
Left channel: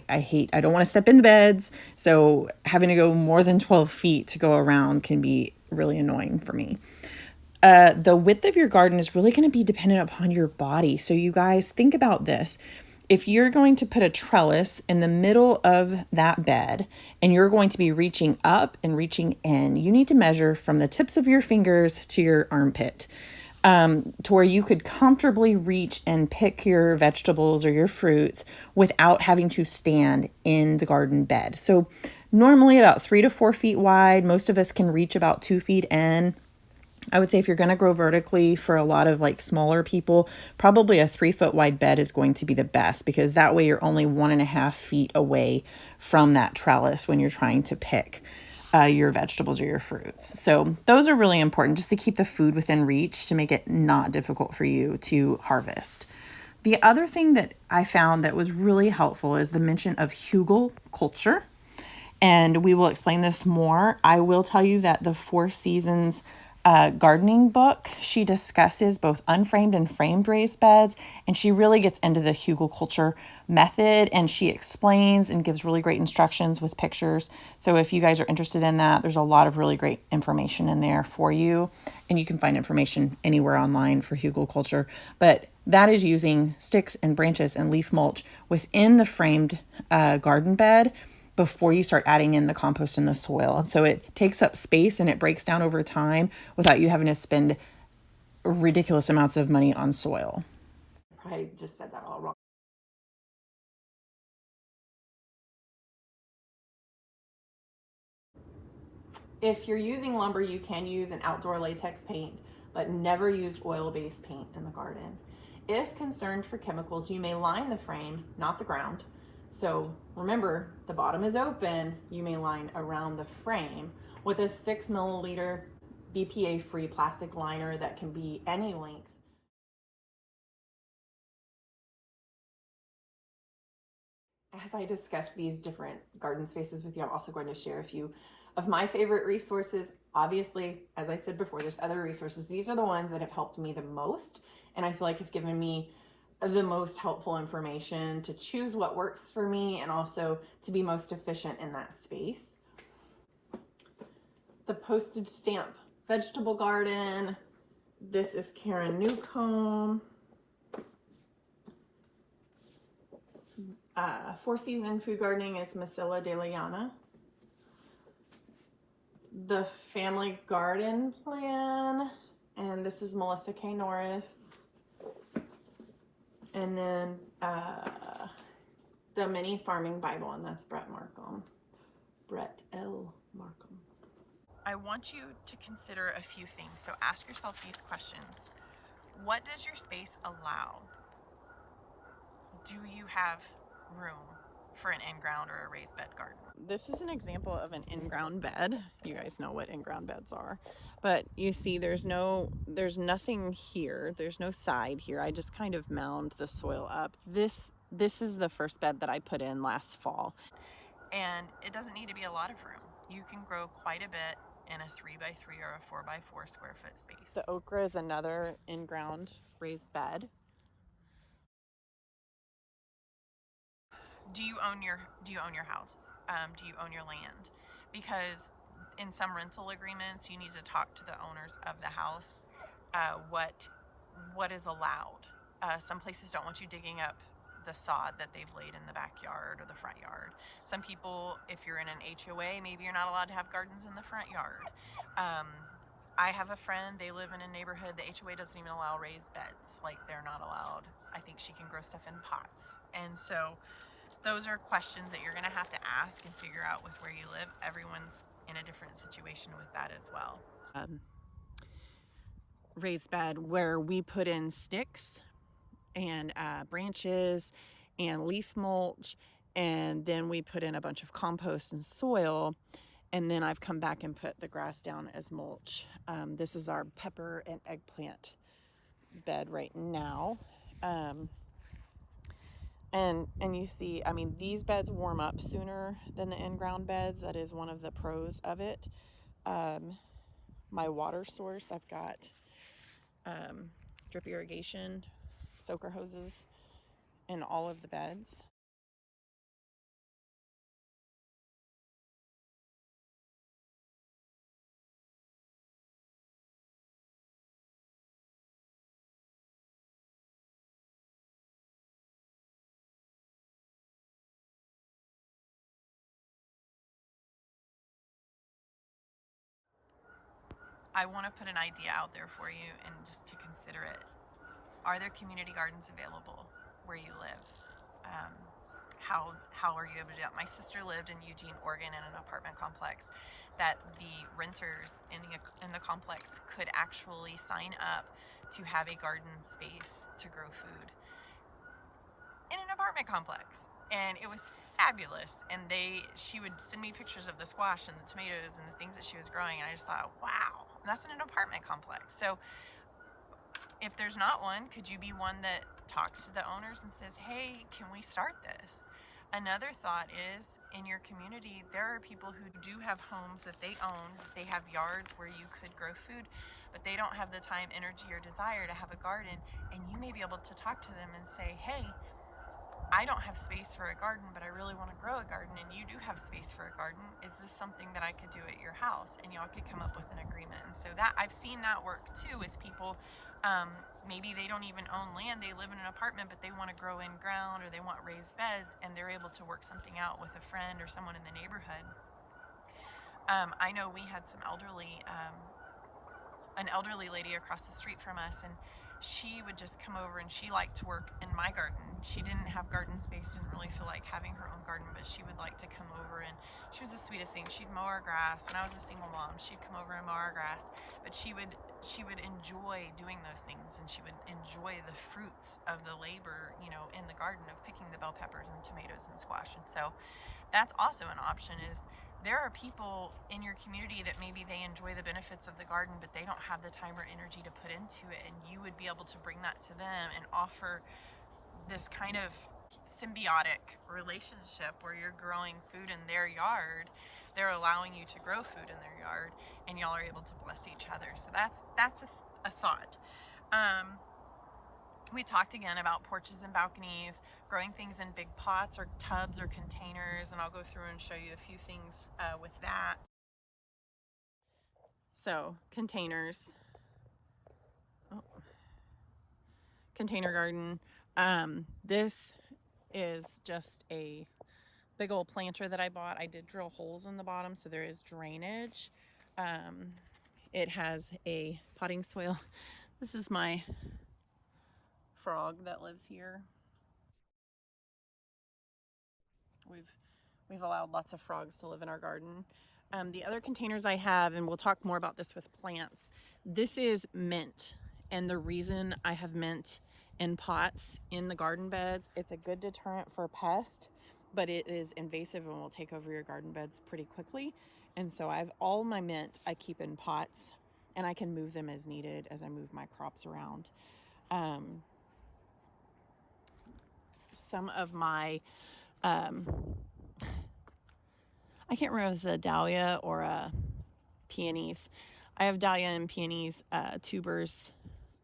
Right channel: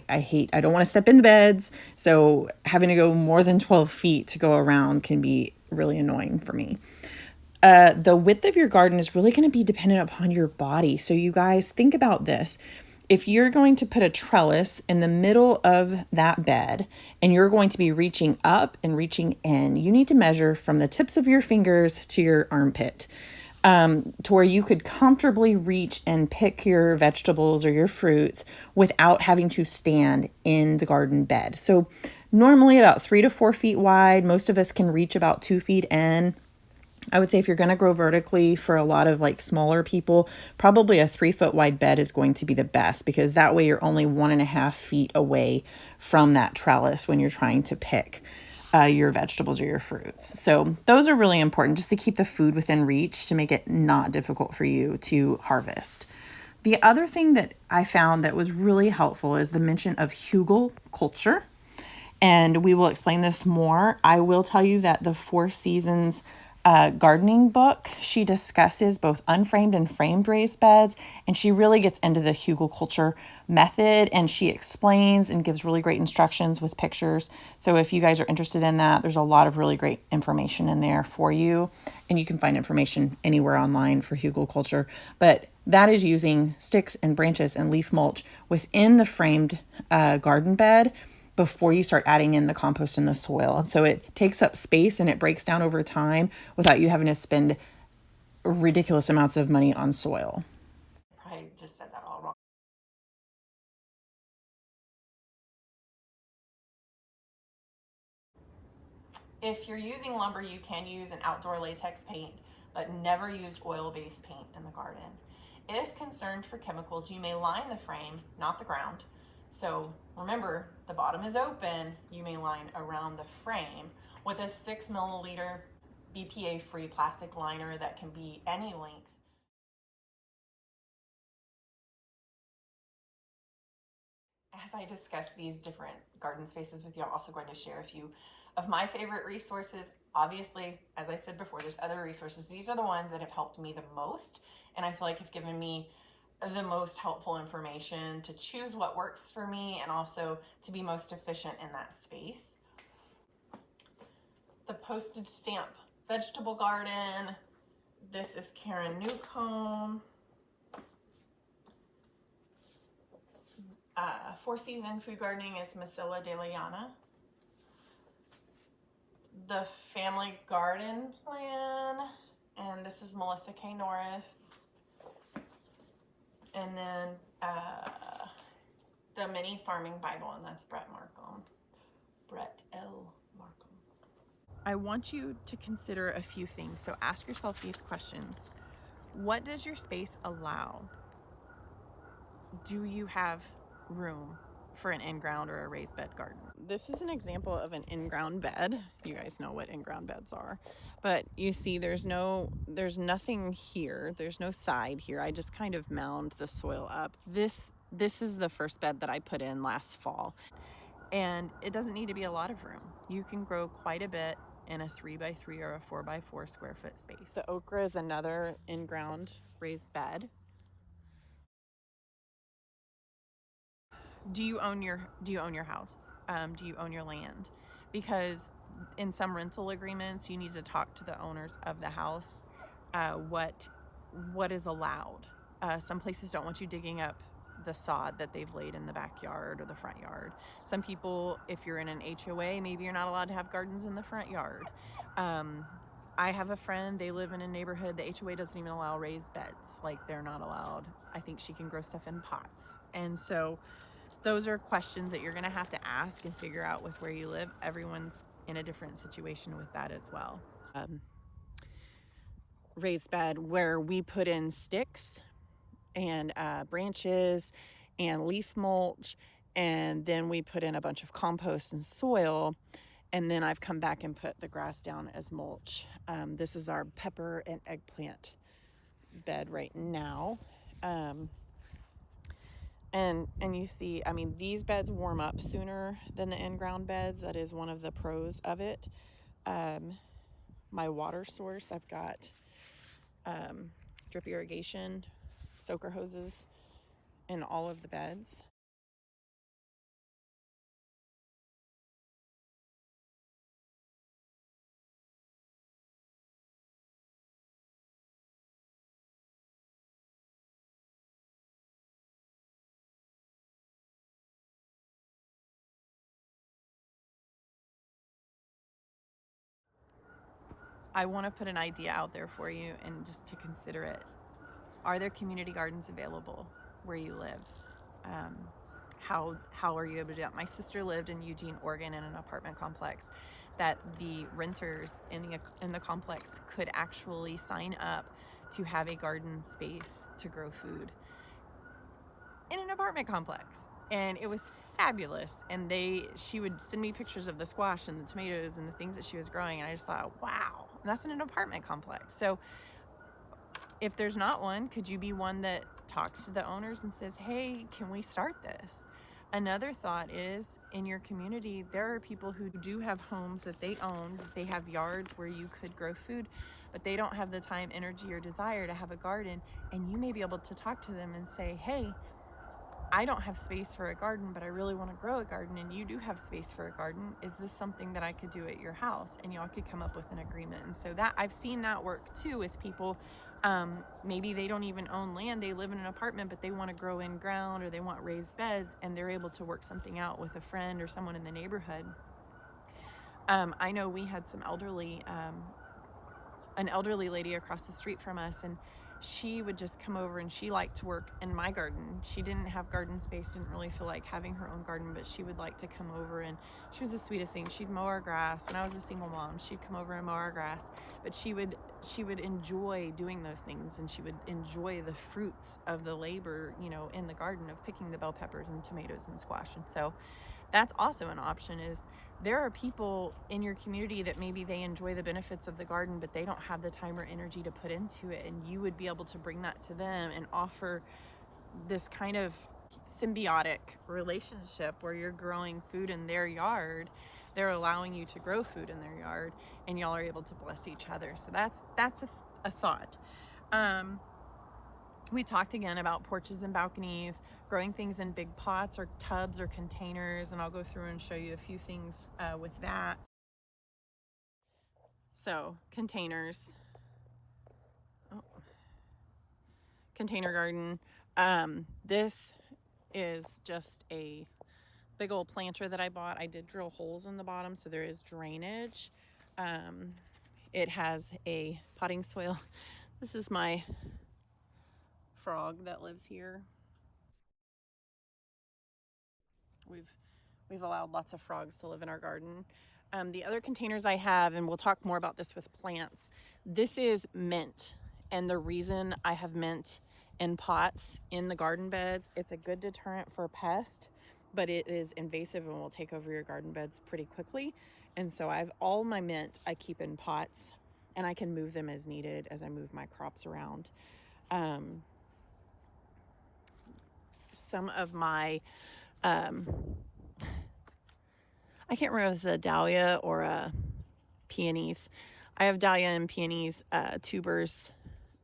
don't want to step in the beds. So having to go more than 12 feet to go around can be really annoying for me. The width of your garden is really going to be dependent upon your body. So you guys think about this. If you're going to put a trellis in the middle of that bed and you're going to be reaching up and reaching in, you need to measure from the tips of your fingers to your armpit. to where you could comfortably reach and pick your vegetables or your fruits without having to stand in the garden bed. So normally about 3 to 4 feet wide. Most of us can reach about 2 feet in. I would say if you're going to grow vertically for a lot of like smaller people, probably a 3 foot wide bed is going to be the best, because that way you're only 1.5 feet away from that trellis when you're trying to pick your vegetables or your fruits. So those are really important, just to keep the food within reach, to make it not difficult for you to harvest. The other thing that I found that was really helpful is the mention of hugel culture. And we will explain this more. I will tell you that the Four Seasons gardening book, she discusses both unframed and framed raised beds, and she really gets into the hugelkultur method, and she explains and gives really great instructions with pictures. So if you guys are interested in that, there's a lot of really great information in there for you, and you can find information anywhere online for hugelkultur. But that is using sticks and branches and leaf mulch within the framed garden bed before you start adding in the compost and the soil. And so it takes up space and it breaks down over time without you having to spend ridiculous amounts of money on soil. I just said that all wrong. If you're using lumber, you can use an outdoor latex paint, but never use oil-based paint in the garden. If concerned for chemicals, you may line the frame, not the ground. So remember, the bottom is open. You may line around the frame with a 6 milliliter BPA-free plastic liner that can be any length. As I discuss these different garden spaces with you, I'm also going to share a few of my favorite resources. Obviously, as I said before, there's other resources. These are the ones that have helped me the most, and I feel like have given me the most helpful information to choose what works for me and also to be most efficient in that space. The postage stamp vegetable garden. This is Karen Newcomb. Four Season Food Gardening is Masilla De Liana. The Family Garden Plan, and this is Melissa K. Norris. And then the Mini Farming Bible, and that's Brett L. Markham. I want you to consider a few things. So ask yourself these questions. What does your space allow? Do you have room for an in-ground or a raised bed garden? This is an example of an in-ground bed. You guys know what in-ground beds are. But you see there's nothing here. There's no side here. I just kind of mound the soil up. This is the first bed that I put in last fall. And it doesn't need to be a lot of room. You can grow quite a bit in a 3x3 or a 4x4 square foot space. The okra is another in-ground raised bed. Do you own your house? Do you own your land? Because in some rental agreements, you need to talk to the owners of the house what is allowed. Some places don't want you digging up the sod that they've laid in the backyard or the front yard. Some people, if you're in an HOA, maybe you're not allowed to have gardens in the front yard. I have a friend, they live in a neighborhood, the HOA doesn't even allow raised beds. Like, they're not allowed. I think she can grow stuff in pots. And so those are questions that you're going to have to ask and figure out with where you live. Everyone's in a different situation with that as well. Raised bed where we put in sticks and branches and leaf mulch, and then we put in a bunch of compost and soil, and then I've come back and put the grass down as mulch. This is our pepper and eggplant bed right now. And you see, I mean, these beds warm up sooner than the in-ground beds. That is one of the pros of it. My water source, I've got drip irrigation, soaker hoses in all of the beds. I want to put an idea out there for you and just to consider it. Are there community gardens available where you live? Um, how are you able to do that? My sister lived in Eugene, Oregon, in an apartment complex that the renters in the complex could actually sign up to have a garden space to grow food in an apartment complex. And it was fabulous. And she would send me pictures of the squash and the tomatoes and the things that she was growing, and I just thought, wow. And that's in an apartment complex. So if there's not one, could you be one that talks to the owners and says, hey, can we start this? Another thought is, in your community, there are people who do have homes that they own, they have yards where you could grow food, but they don't have the time, energy, or desire to have a garden. And you may be able to talk to them and say, hey, I don't have space for a garden, but I really want to grow a garden, and you do have space for a garden. Is this something that I could do at your house? And y'all could come up with an agreement. And so that I've seen that work too with people. Maybe they don't even own land, they live in an apartment, but they want to grow in ground or they want raised beds, and they're able to work something out with a friend or someone in the neighborhood. I know we had an elderly lady across the street from us, and she would just come over, and she liked to work in my garden. She didn't have garden space, didn't really feel like having her own garden, but she would like to come over, and she was the sweetest thing. She'd mow our grass. When I was a single mom, she'd come over and mow our grass, but she would enjoy doing those things, and she would enjoy the fruits of the labor, in the garden of picking the bell peppers and tomatoes and squash. And so that's also an option. Is there are people in your community that maybe they enjoy the benefits of the garden, but they don't have the time or energy to put into it, and you would be able to bring that to them and offer this kind of symbiotic relationship where you're growing food in their yard, they're allowing you to grow food in their yard, and y'all are able to bless each other. So that's a thought. We talked again about porches and balconies, growing things in big pots or tubs or containers, and I'll go through and show you a few things with that. So containers, container garden. This is just a big old planter that I bought. I did drill holes in the bottom, so there is drainage. It has a potting soil. This is my frog that lives here. We've allowed lots of frogs to live in our garden. The other containers I have, and we'll talk more about this with plants, this is mint. And the reason I have mint in pots in the garden beds, it's a good deterrent for pests, but it is invasive and will take over your garden beds pretty quickly. And so I have all my mint I keep in pots, and I can move them as needed as I move my crops around. Some of my I can't remember if it's a dahlia or a peonies. I have dahlia and peonies tubers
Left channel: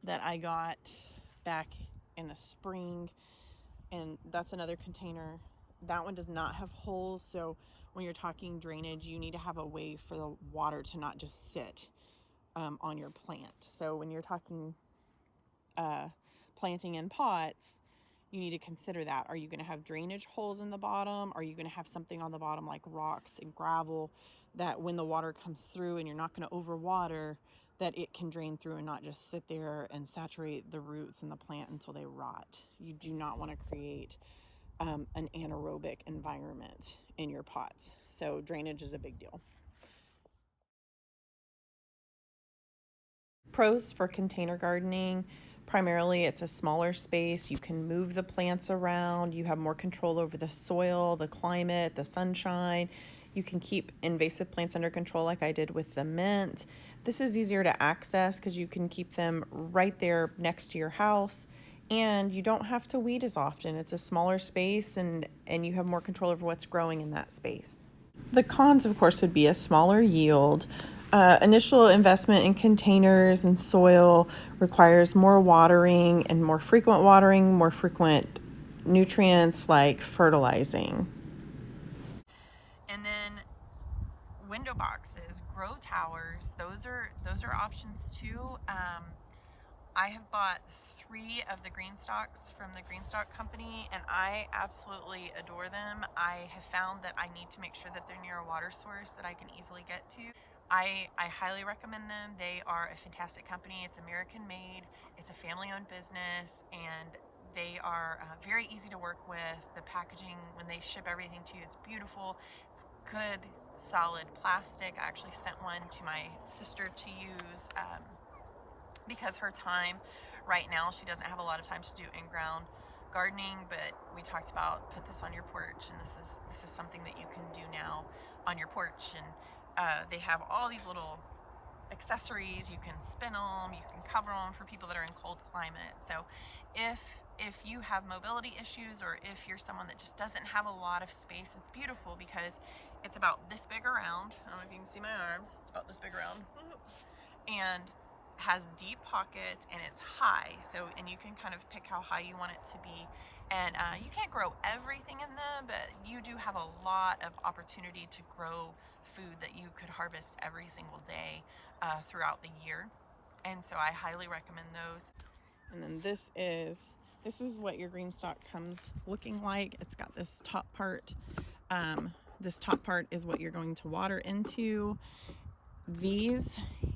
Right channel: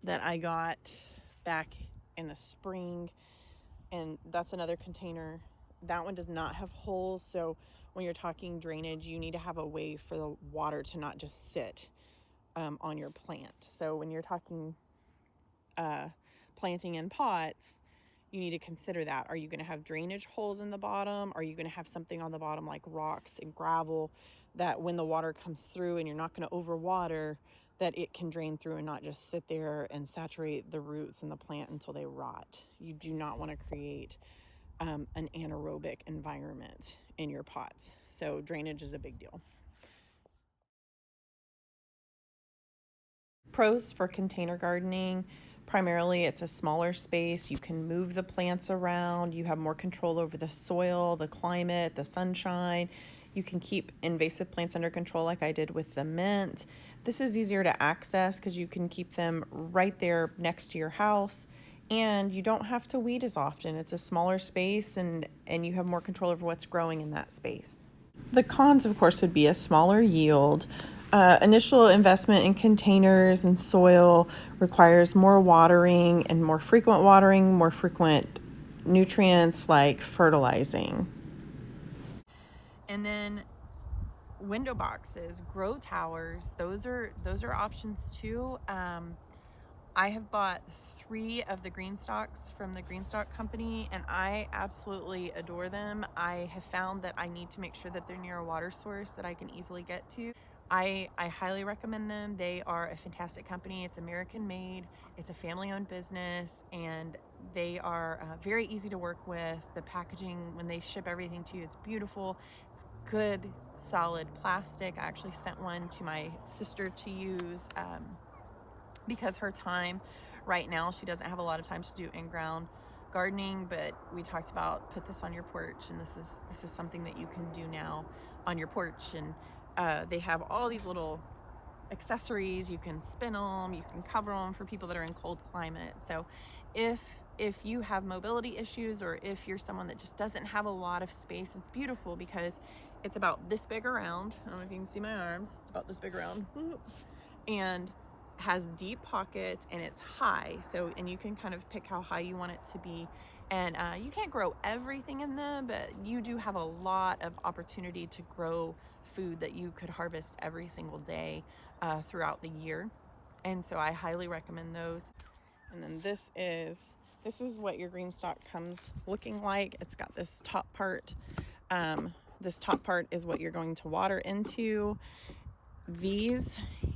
that I got back in the spring, and that's another container. That one does not have holes, so when you're talking drainage, you need to have a way for the water to not just sit on your plant. So when you're talking planting in pots, you need to consider that. Are you going to have drainage holes in the bottom? Are you going to have something on the bottom like rocks and gravel that when the water comes through and you're not going to overwater, that it can drain through and not just sit there and saturate the roots in the plant until they rot? You do not want to create an anaerobic environment in your pots. So drainage is a big deal. Pros for container gardening: primarily it's a smaller space, you can move the plants around, you have more control over the soil, the climate, the sunshine. You can keep invasive plants under control like I did with the mint. This is easier to access because you can keep them right there next to your house, and you don't have to weed as often. It's a smaller space, and you have more control over what's growing in that space. The cons, of course, would be a smaller yield. Initial investment in containers and soil requires more watering and more frequent nutrients like fertilizing. And then window boxes, grow towers, those are options too. I have bought 3 of the green stalks from the green stalk company, and I absolutely adore them. I have found that I need to make sure that they're near a water source that I can easily get to. I highly recommend them. They are a fantastic company. It's American made, it's a family owned business, and they are very easy to work with. The packaging, when they ship everything to you, it's beautiful. It's good, solid plastic. I actually sent one to my sister to use because her time right now, she doesn't have a lot of time to do in-ground gardening, but we talked about put this on your porch, and this is something that you can do now on your porch. And they have all these little accessories. You can spin them, you can cover them for people that are in cold climates. So if you have mobility issues, or if you're someone that just doesn't have a lot of space, it's beautiful because it's about this big around. I don't know if you can see my arms. It's about this big around. And has deep pockets, and it's high, so, and you can kind of pick how high you want it to be. And you can't grow everything in them, but you do have a lot of opportunity to grow food that you could harvest every single day throughout the year. And so I highly recommend those. And then this is what your green stalk comes looking like. It's got this top part. This top part is what you're going to water into.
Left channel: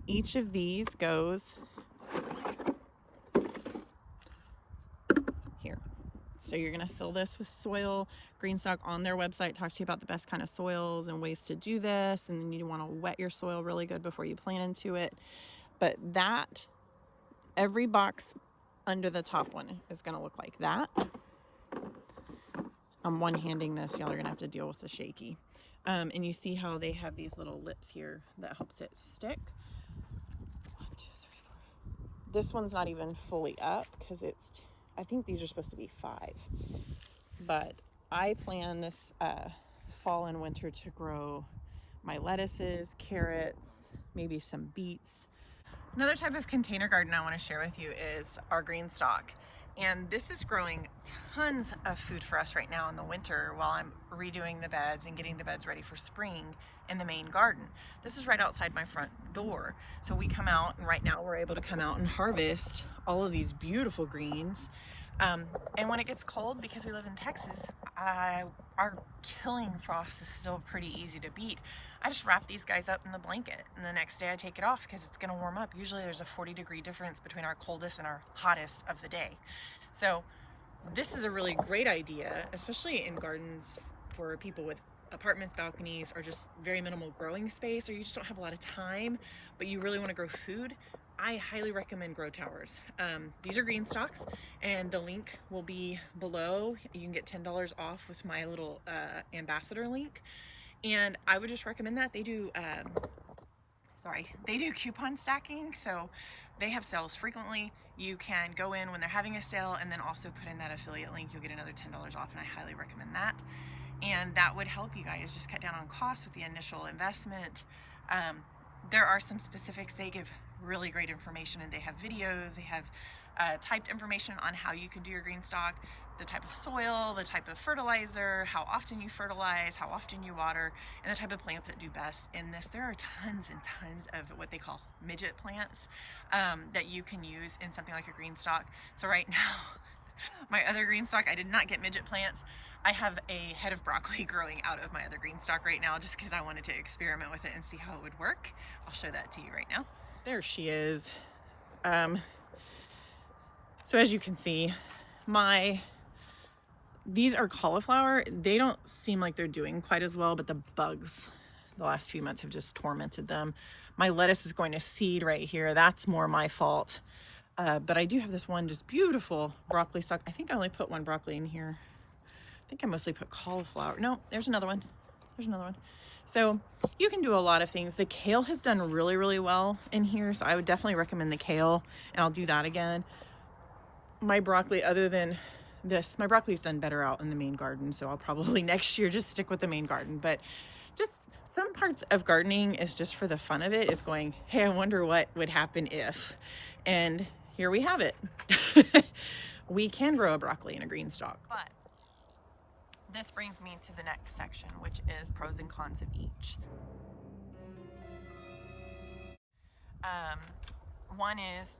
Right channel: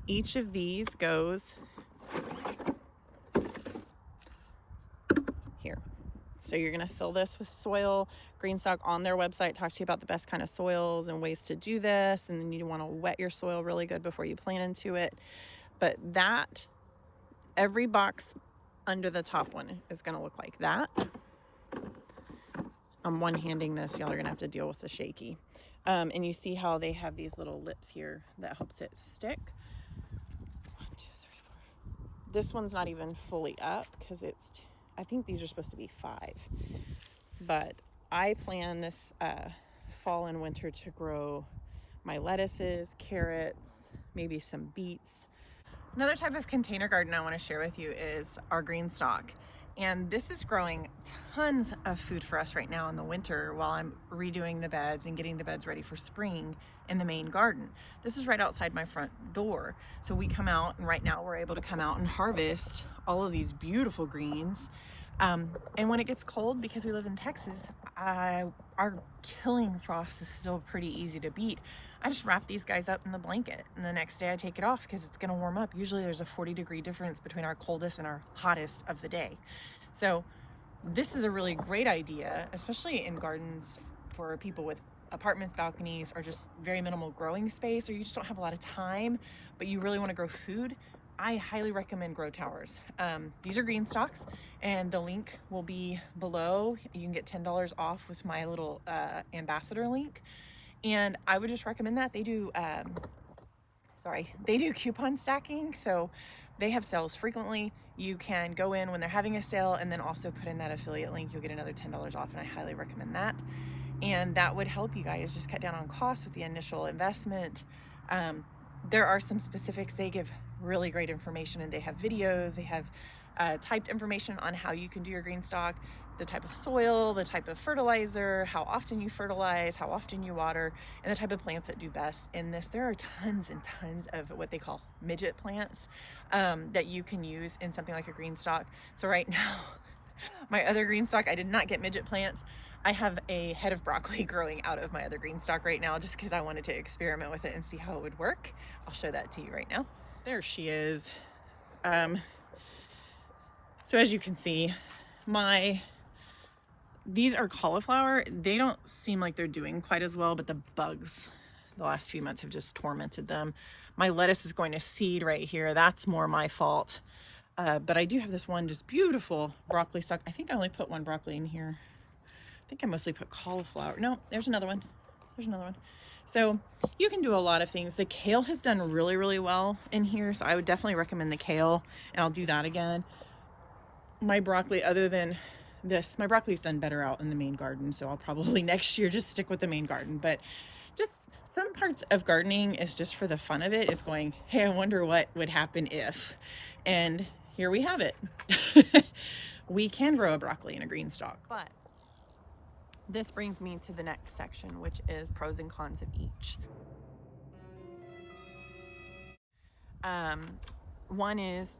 Each of these goes here. So you're going to fill this with soil. Greenstock on their website talks to you about the best kind of soils and ways to do this. And then you want to wet your soil really good before you plant into it. But every box under the top one is going to look like that. I'm one-handing this. Y'all are going to have to deal with the shaky. And you see how they have these little lips here that helps it stick. 1, 2, 3, 4. This one's not even fully up because I think these are supposed to be 5. But I plan this fall and winter to grow my lettuces, carrots, maybe some beets. Another type of container garden I want to share with you is our green stalk. And this is growing tons of food for us right now in the winter while I'm redoing the beds and getting the beds ready for spring in the main garden. This is right outside my front door. So we come out, and right now we're able to come out and harvest all of these beautiful greens. And when it gets cold, because we live in Texas, our killing frost is still pretty easy to beat. I just wrap these guys up in the blanket, and the next day I take it off because it's gonna warm up. Usually there's a 40-degree difference between our coldest and our hottest of the day. So this is a really great idea, especially in gardens for people with apartments, balconies, or just very minimal growing space, or you just don't have a lot of time, but you really wanna grow food. I highly recommend Grow Towers. These are green stalks, and the link will be below. You can get $10 off with my little ambassador link. And I would just recommend that. They do coupon stacking, so they have sales frequently. You can go in when they're having a sale and then also put in that affiliate link. You'll get another $10 off, and I highly recommend that. And that would help you guys just cut down on costs with the initial investment. There are some specifics. They give really great information, and they have videos, they have typed information on how you can do your green stalk, the type of soil, the type of fertilizer, how often you fertilize, how often you water, and the type of plants that do best in this. There are tons and tons of what they call midget plants that you can use in something like a green stalk. So right now, my other green stalk, I did not get midget plants. I have a head of broccoli growing out of my other green stalk right now, just because I wanted to experiment with it and see how it would work. I'll show that to you right now. There she is. So as you can see, these are cauliflower. They don't seem like they're doing quite as well, but the bugs the last few months have just tormented them. My lettuce is going to seed right here. That's more my fault. But I do have this one just beautiful broccoli stalk. I think I only put one broccoli in here. I think I mostly put cauliflower. No, there's another one. There's another one. So you can do a lot of things. The kale has done really, really well in here. So I would definitely recommend the kale, and I'll do that again. My broccoli, other than this, my broccoli's done better out in the main garden. So I'll probably next year just stick with the main garden. But just some parts of gardening is just for the fun of it. Is going, hey, I wonder what would happen if. And here we have it. We can grow a broccoli in a green stalk. But this brings me to the next section, which is pros and cons of each. One is,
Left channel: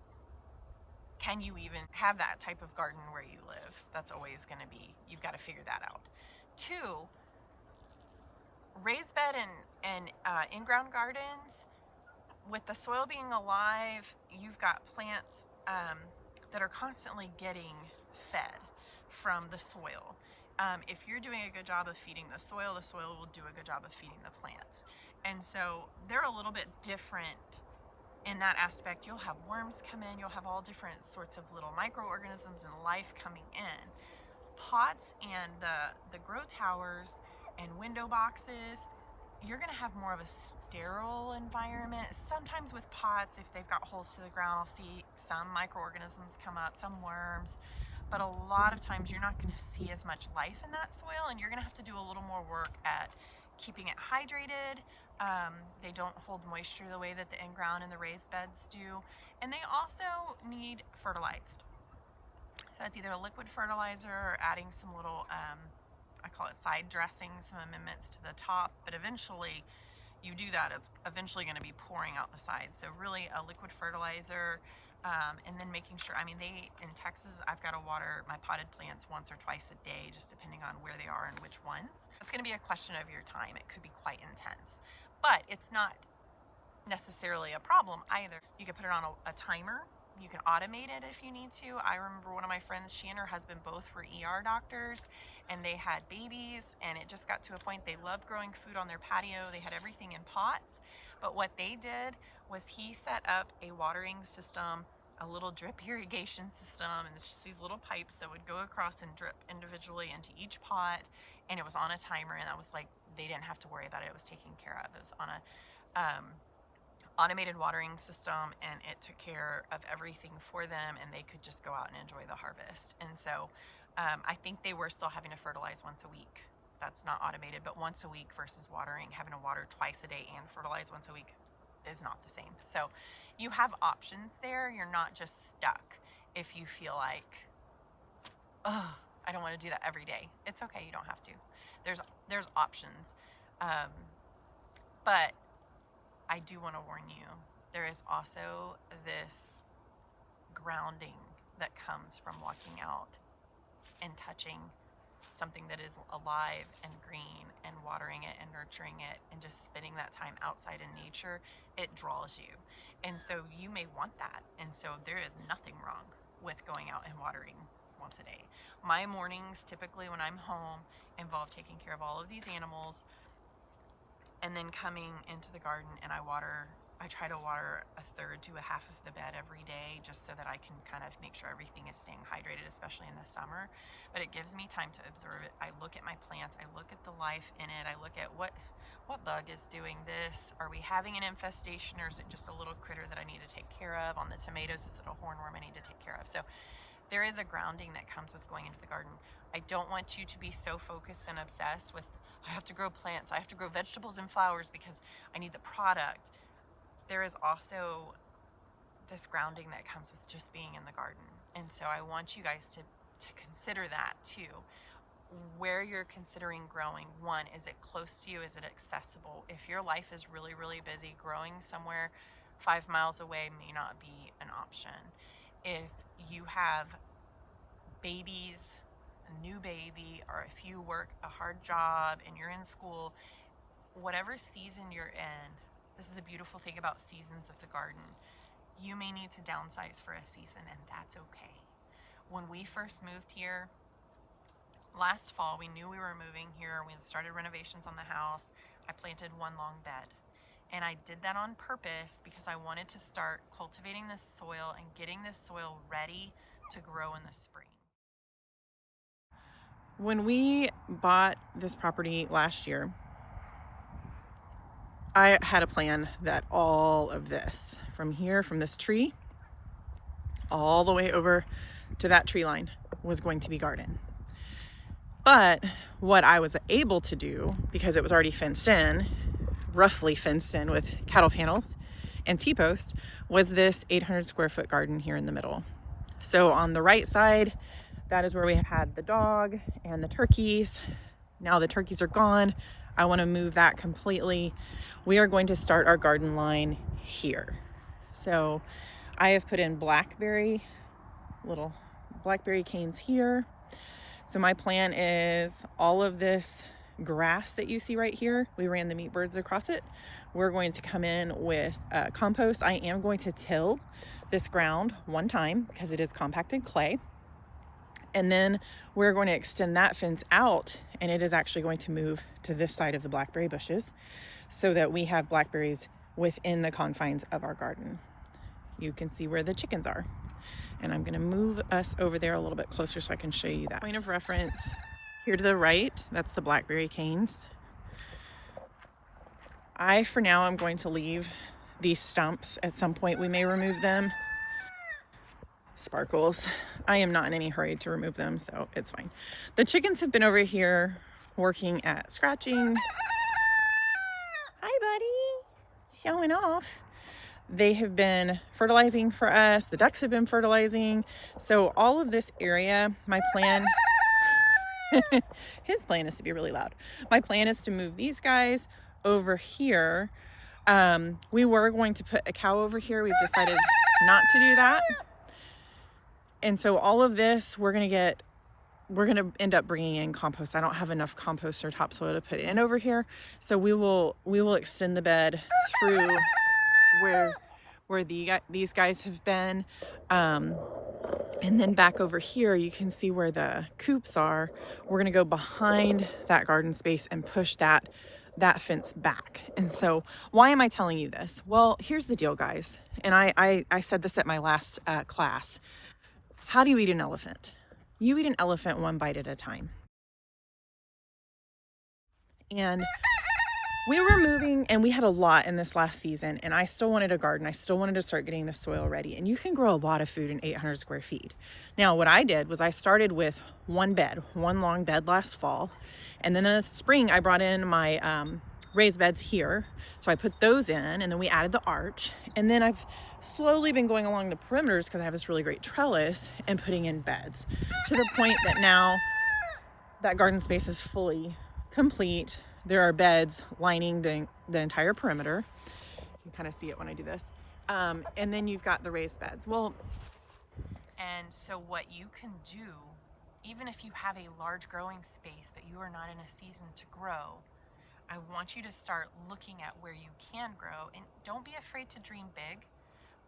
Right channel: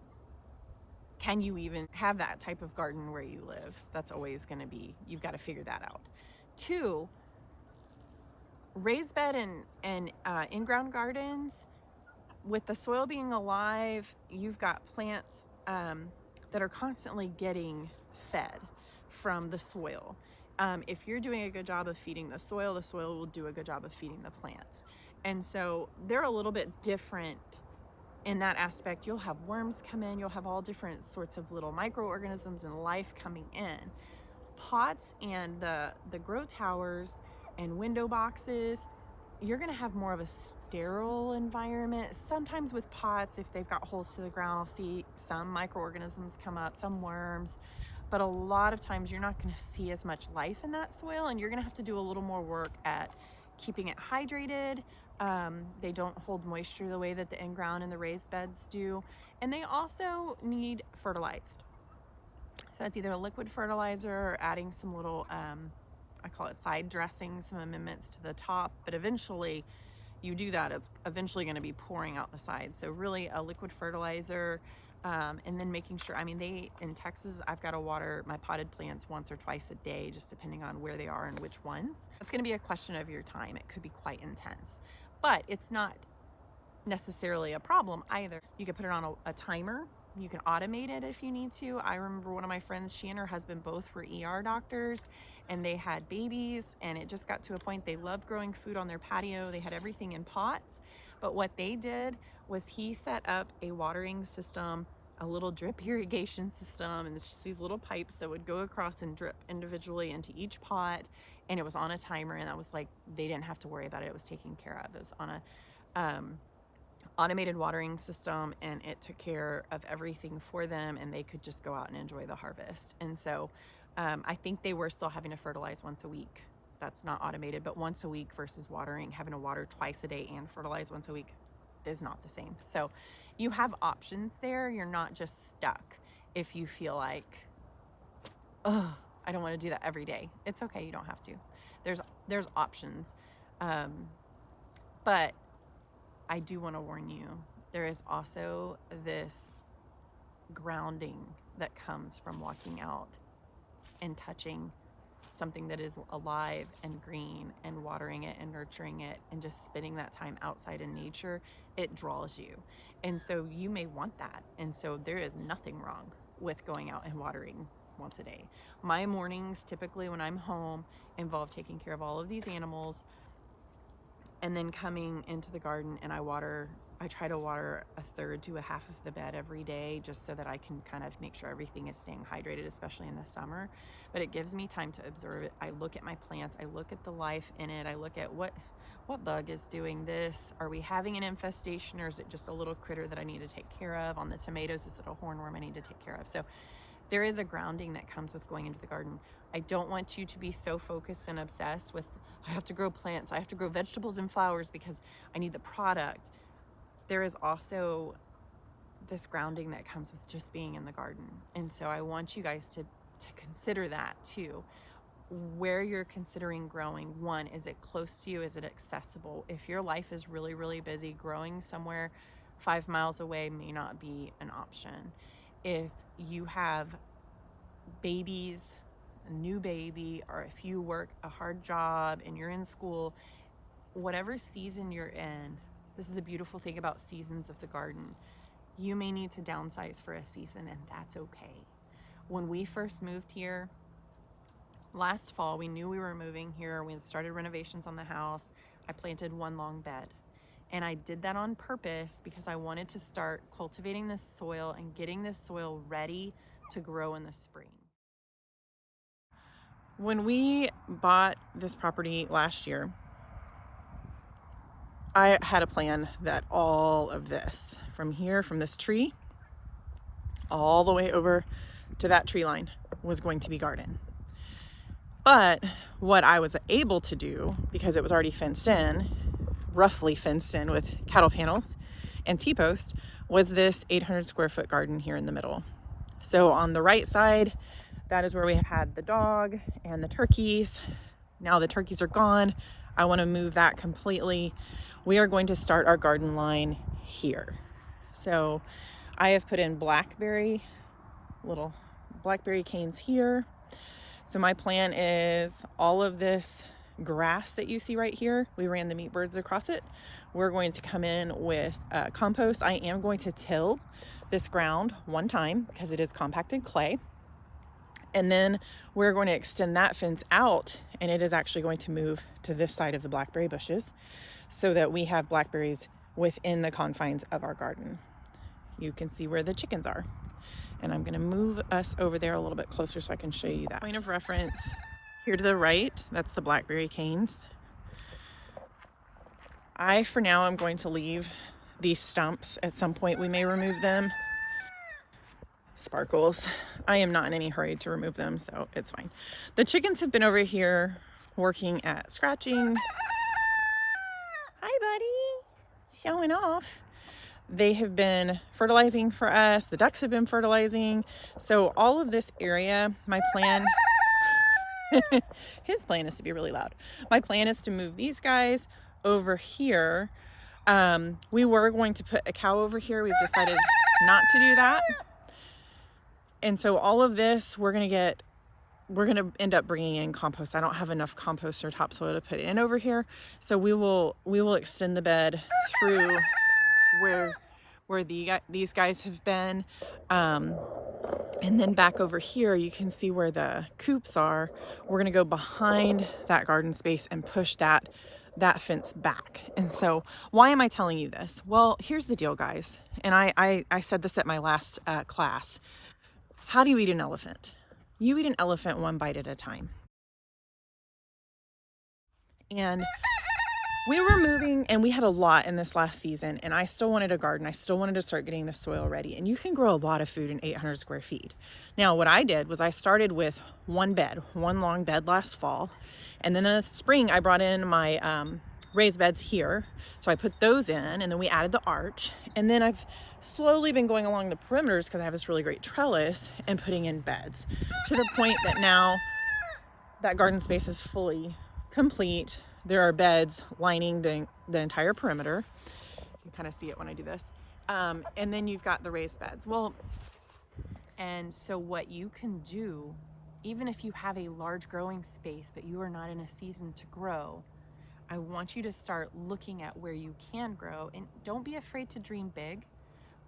can you even have that type of garden where you live? That's always going to be, you've got to figure that out. 2, raised bed and in-ground gardens with the soil being alive, you've got plants that are constantly getting fed from the soil. If you're doing a good job of feeding the soil will do a good job of feeding the plants. And so they're a little bit different in that aspect. You'll have worms come in, you'll have all different sorts of little microorganisms and life coming in. Pots and the grow towers and window boxes, you're gonna have more of a sterile environment. Sometimes with pots, if they've got holes to the ground, I'll see some microorganisms come up, some worms, but a lot of times you're not gonna see as much life in that soil, and you're gonna have to do a little more work at keeping it hydrated. They don't hold moisture the way that the in-ground and the raised beds do, and they also need fertilized. So it's either a liquid fertilizer or adding some little, I call it side dressing, some amendments to the top, but eventually you do that, it's eventually going to be pouring out the sides. So really a liquid fertilizer, and then making sure, I mean, in Texas, I've got to water my potted plants once or twice a day, just depending on where they are and which ones. It's going to be a question of your time. It could be quite intense, but it's not necessarily a problem either. You can put it on a timer. You can automate it if you need to. I remember one of my friends, she and her husband both were ER doctors, and they had babies, and it just got to a point they loved growing food on their patio. They had everything in pots, but what they did was he set up a watering system, a little drip irrigation system, and it's just these little pipes that would go across and drip individually into each pot, and it was on a timer, and that was like, they didn't have to worry about it. It was taken care of. It was on a automated watering system, and it took care of everything for them, and they could just go out and enjoy the harvest. And so I think they were still having to fertilize once a week. That's not automated, but once a week versus having to water twice a day and fertilize once a week is not the same. So you have options there. You're not just stuck if you feel like, oh, I don't want to do that every day. It's okay, you don't have to. There's options. But I do want to warn you, there is also this grounding that comes from walking out and touching something that is alive and green and watering it and nurturing it and just spending that time outside in nature. It draws you. And so you may want that. And so there is nothing wrong with going out and watering once a day. My mornings, typically when I'm home, involve taking care of all of these animals, and then coming into the garden, and I try to water a third to a half of the bed every day, just so that I can kind of make sure everything is staying hydrated, especially in the summer. But it gives me time to observe it. I look at my plants, I look at the life in it, I look at what bug is doing this. Are we having an infestation, or is it just a little critter that I need to take care of? On the tomatoes, is it a hornworm I need to take care of? So there is a grounding that comes with going into the garden. I don't want you to be so focused and obsessed with, I have to grow plants, I have to grow vegetables and flowers because I need the product. There is also this grounding that comes with just being in the garden. And so I want you guys to consider that too. Where you're considering growing, one, is it close to you? Is it accessible? If your life is really, really busy, growing somewhere 5 miles away may not be an option. If you have babies, a new baby, or if you work a hard job and you're in school, whatever season you're in, this is the beautiful thing about seasons of the garden. You may need to downsize for a season, and that's okay. When we first moved here last fall, we knew we were moving here. We had started renovations on the house. I planted one long bed. And I did that on purpose because I wanted to start cultivating this soil and getting this soil ready to grow in the spring. When we bought this property last year, I had a plan that all of this, from here, from this tree, all the way over to that tree line, was going to be garden. But what I was able to do, because it was already fenced in, roughly fenced in with cattle panels and T-posts, was this 800 square foot garden here in the middle. So on the right side, that is where we had the dog and the turkeys. Now the turkeys are gone. I want to move that completely. We are going to start our garden line here. So I have put in little blackberry canes here. So my plan is all of this grass that you see right here, we ran the meat birds across it. we're going to come in with compost. I am going to till this ground one time because it is compacted clay. And then we're going to extend that fence out, and it is actually going to move to this side of the blackberry bushes so that we have blackberries within the confines of our garden. You can see where the chickens are. And I'm gonna move us over there a little bit closer so I can show you that. Point of reference here to the right, that's the blackberry canes. For now, I'm going to leave these stumps. At some point, we may remove them. Sparkles. I am not in any hurry to remove them, so it's fine. The chickens have been over here working at scratching. Hi, buddy. Showing off. They have been fertilizing for us. The ducks have been fertilizing. So all of this area, my plan, his plan is to be really loud. My plan is to move these guys over here. We were going to put a cow over here. We've decided not to do that. And so all of this, we're going to end up bringing in compost. I don't have enough compost or topsoil to put in over here. So we will extend the bed through where these guys have been. And then back over here, you can see where the coops are. We're going to go behind that garden space and push that fence back. And so why am I telling you this? Well, here's the deal, guys. And I said this at my last class. How do you eat an elephant? You eat an elephant one bite at a time. And we were moving, and we had a lot in this last season, and I still wanted a garden. I still wanted to start getting the soil ready. And you can grow a lot of food in 800 square feet. Now, what I did was I started with one long bed last fall. And then in the spring, I brought in my raised beds here. So I put those in, and then we added the arch. And then I've slowly been going along the perimeters because I have this really great trellis and putting in beds to the point that now that garden space is fully complete. There are beds lining the entire perimeter. You can kind of see it when I do this. And then you've got the raised beds. And so what you can do, even if you have a large growing space, but you are not in a season to grow, I want you to start looking at where you can grow, and don't be afraid to dream big.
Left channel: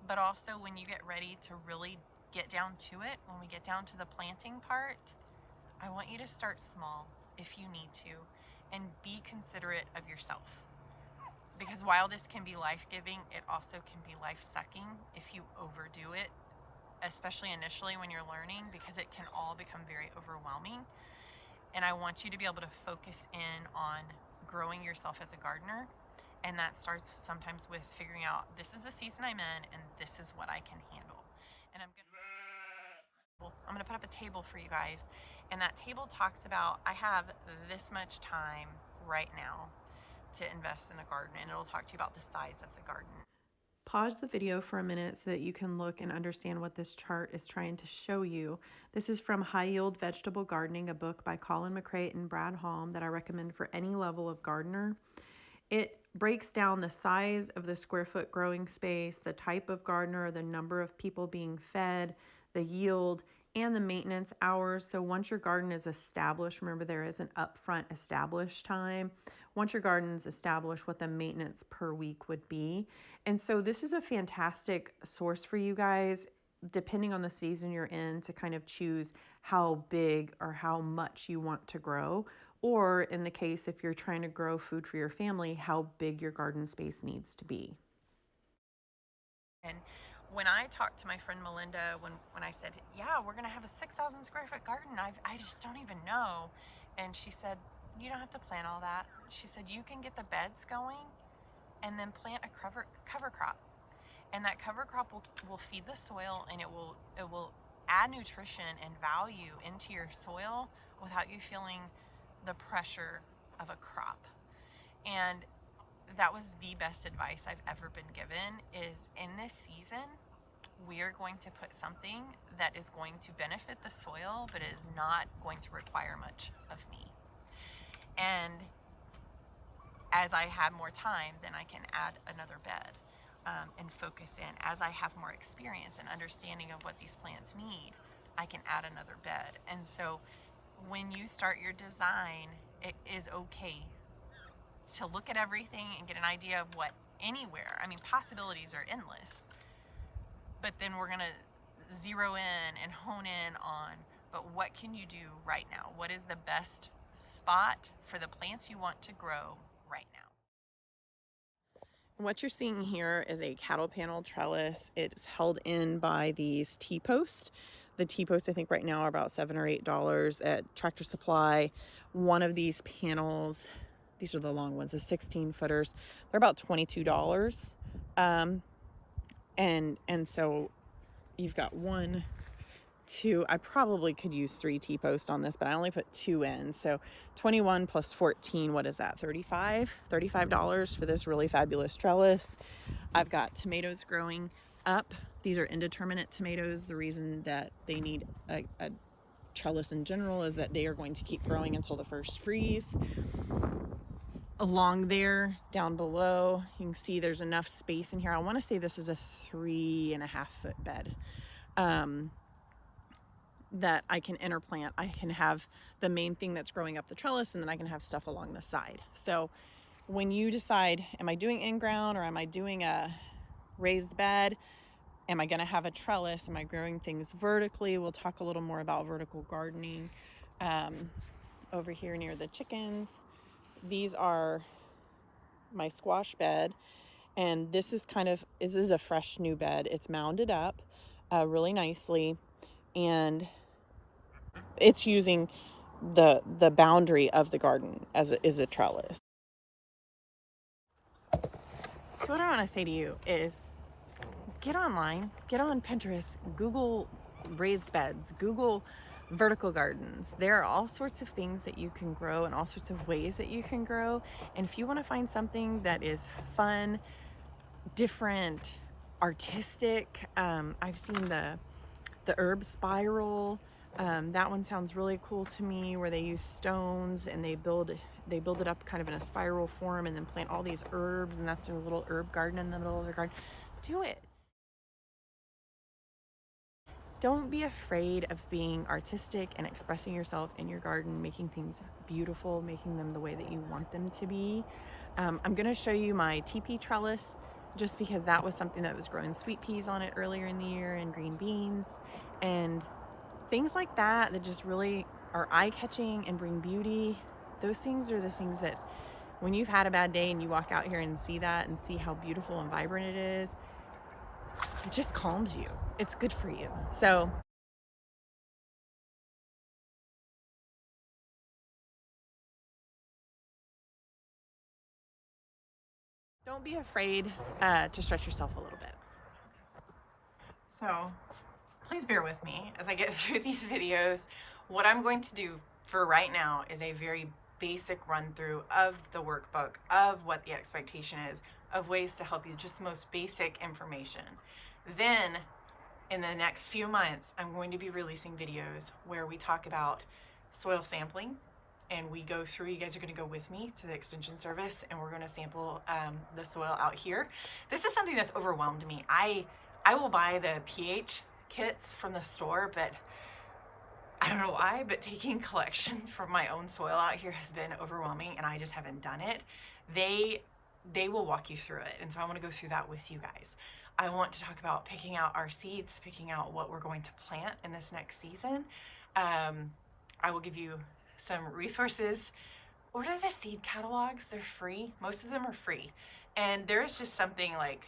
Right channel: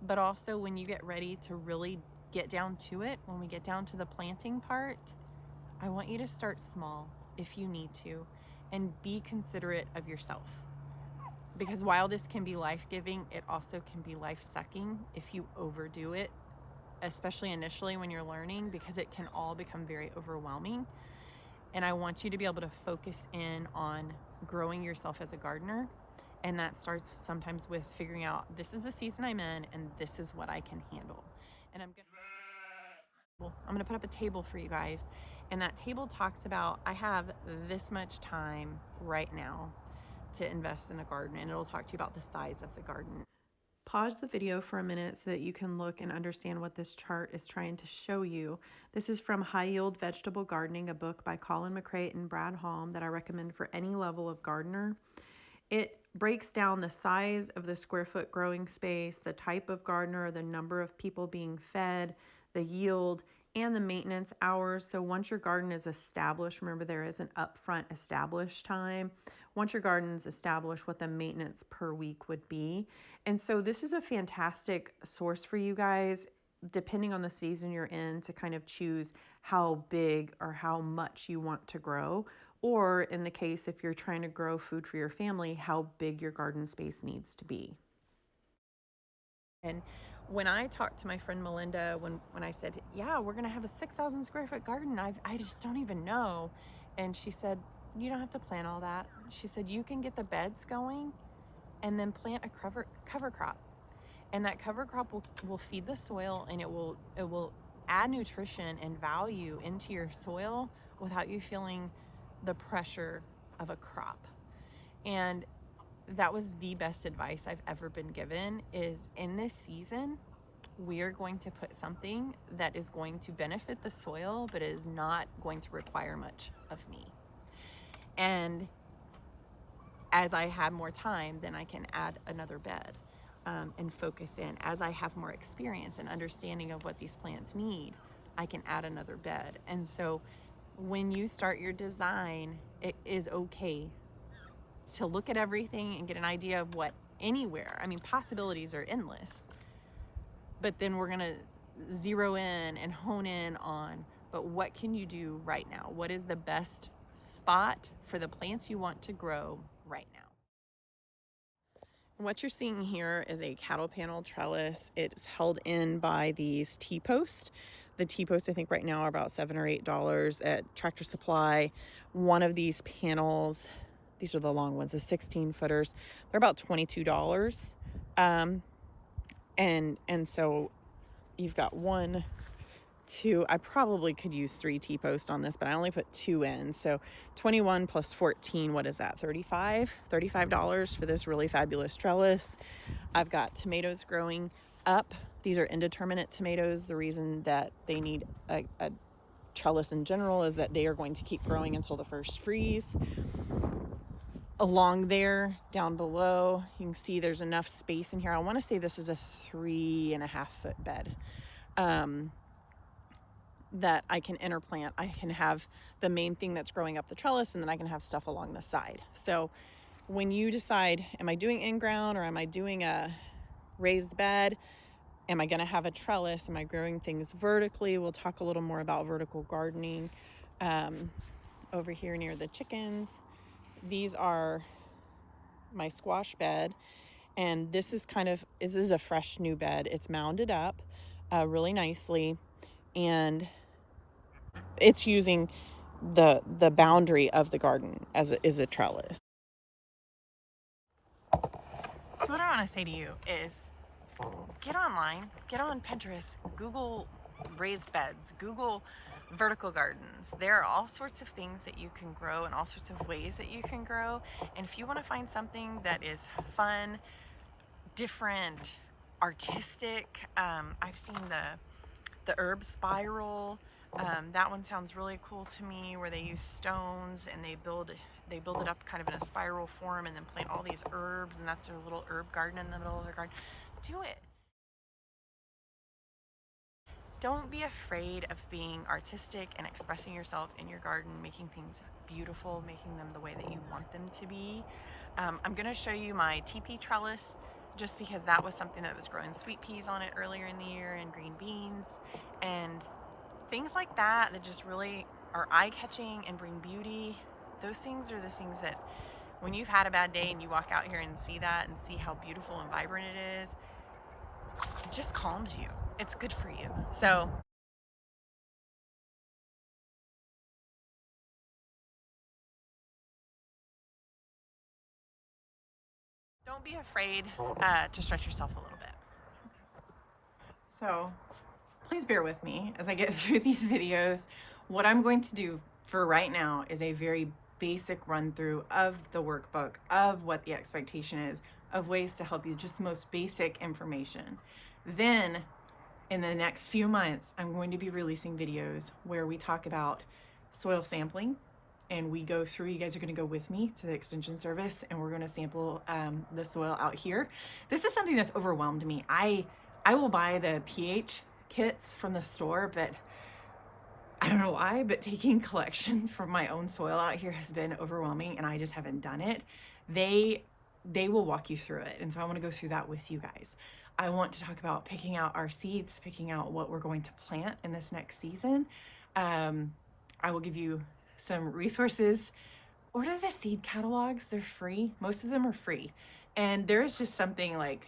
But also when you get ready to really get down to it, when we get down to the planting part, I want you to start small if you need to, and be considerate of yourself. Because while this can be life-giving, it also can be life-sucking if you overdo it, especially initially when you're learning, because it can all become very overwhelming. And I want you to be able to focus in on growing yourself as a gardener. And that starts sometimes with figuring out, this is the season I'm in, and this is what I can handle. And I'm gonna put up a table for you guys. And that table talks about, I have this much time right now to invest in a garden, and it'll talk to you about the size of the garden. Pause the video for a minute so that you can look and understand what this chart is trying to show you. This is from High Yield Vegetable Gardening, a book by Colin McCreight and Brad Halm that I recommend for any level of gardener. It breaks down the size of the square foot growing space, the type of gardener, the number of people being fed, the yield, and the maintenance hours. So once your garden is established, remember there is an upfront established time. Once your garden is established, what the maintenance per week would be. And so this is a fantastic source for you guys, depending on the season you're in, to kind of choose how big or how much you want to grow. Or in the case, if you're trying to grow food for your family, how big your garden space needs to be. And when I talked to my friend Melinda, when I said, yeah, we're gonna have a 6,000 square foot garden, I just don't even know. And she said, you don't have to plant all that. She said, you can get the beds going and then plant a cover crop. And that cover crop will feed the soil, and it will add nutrition and value into your soil without you feeling the pressure of a crop. And that was the best advice I've ever been given, is in this season, we are going to put something that is going to benefit the soil, but is not going to require much of me. And as I have more time, then I can add another bed and focus in. As I have more experience and understanding of what these plants need, I can add another bed. And so when you start your design, it is okay to look at everything and get an idea of what anywhere. I mean, possibilities are endless, but then we're gonna zero in and hone in on, but what can you do right now? What is the best spot for the plants you want to grow right now? What you're seeing here is a cattle panel trellis. It's held in by these T-posts. The T-posts I think right now are about $7 or $8 at Tractor Supply. One of these panels, these are the long ones, the 16 footers, they're about $22. And so you've got 1, 2, I probably could use 3 T-posts on this, but I only put 2 in. So 21 plus 14, what is that? $35 for this really fabulous trellis. I've got tomatoes growing up. These are indeterminate tomatoes. The reason that they need a trellis in general is that they are going to keep growing until the first freeze. Along there, down below, you can see there's enough space in here. I want to say this is a 3.5 foot bed. That I can interplant. I can have the main thing that's growing up the trellis, and then I can have stuff along the side. So when you decide, am I doing in-ground or am I doing a raised bed? Am I gonna have a trellis? Am I growing things vertically? We'll talk a little more about vertical gardening. Over here near the chickens, these are my squash bed, and this is a fresh new bed. It's mounded up really nicely, and it's using the boundary of the garden as a trellis. So what I want to say to you is get online, get on Pinterest, Google raised beds, Google vertical gardens. There are all sorts of things that you can grow and all sorts of ways that you can grow. And if you want to find something that is fun, different, artistic, I've seen the herb spiral. That one sounds really cool to me, where they use stones and they build it up kind of in a spiral form and then plant all these herbs, and that's their little herb garden in the middle of their garden. Do it. Don't be afraid of being artistic and expressing yourself in your garden, making things beautiful, making them the way that you want them to be. I'm going to show you my teepee trellis, just because that was something that was growing sweet peas on it earlier in the year, and green beans and things like that just really are eye-catching and bring beauty. Those things are the things that when you've had a bad day and you walk out here and see that and see how beautiful and vibrant it is, it just calms you. It's good for you. So don't be afraid to stretch yourself a little bit. So please bear with me as I get through these videos. What I'm going to do for right now is a very basic run through of the workbook, of what the expectation is, of ways to help you, just most basic information. Then in the next few months, I'm going to be releasing videos where we talk about soil sampling, and we go through, you guys are going to go with me to the extension service, and we're going to sample the soil out here. This is something that's overwhelmed me. I will buy the pH kits from the store, but I don't know why, but taking collections from my own soil out here has been overwhelming, and I just haven't done it. They will walk you through it, and so I want to go through that with you guys. I want to talk about picking out our seeds, picking out what we're going to plant in this next season. I will give you some resources. Order the seed catalogs. They're free. Most of them are free. And there is just something like,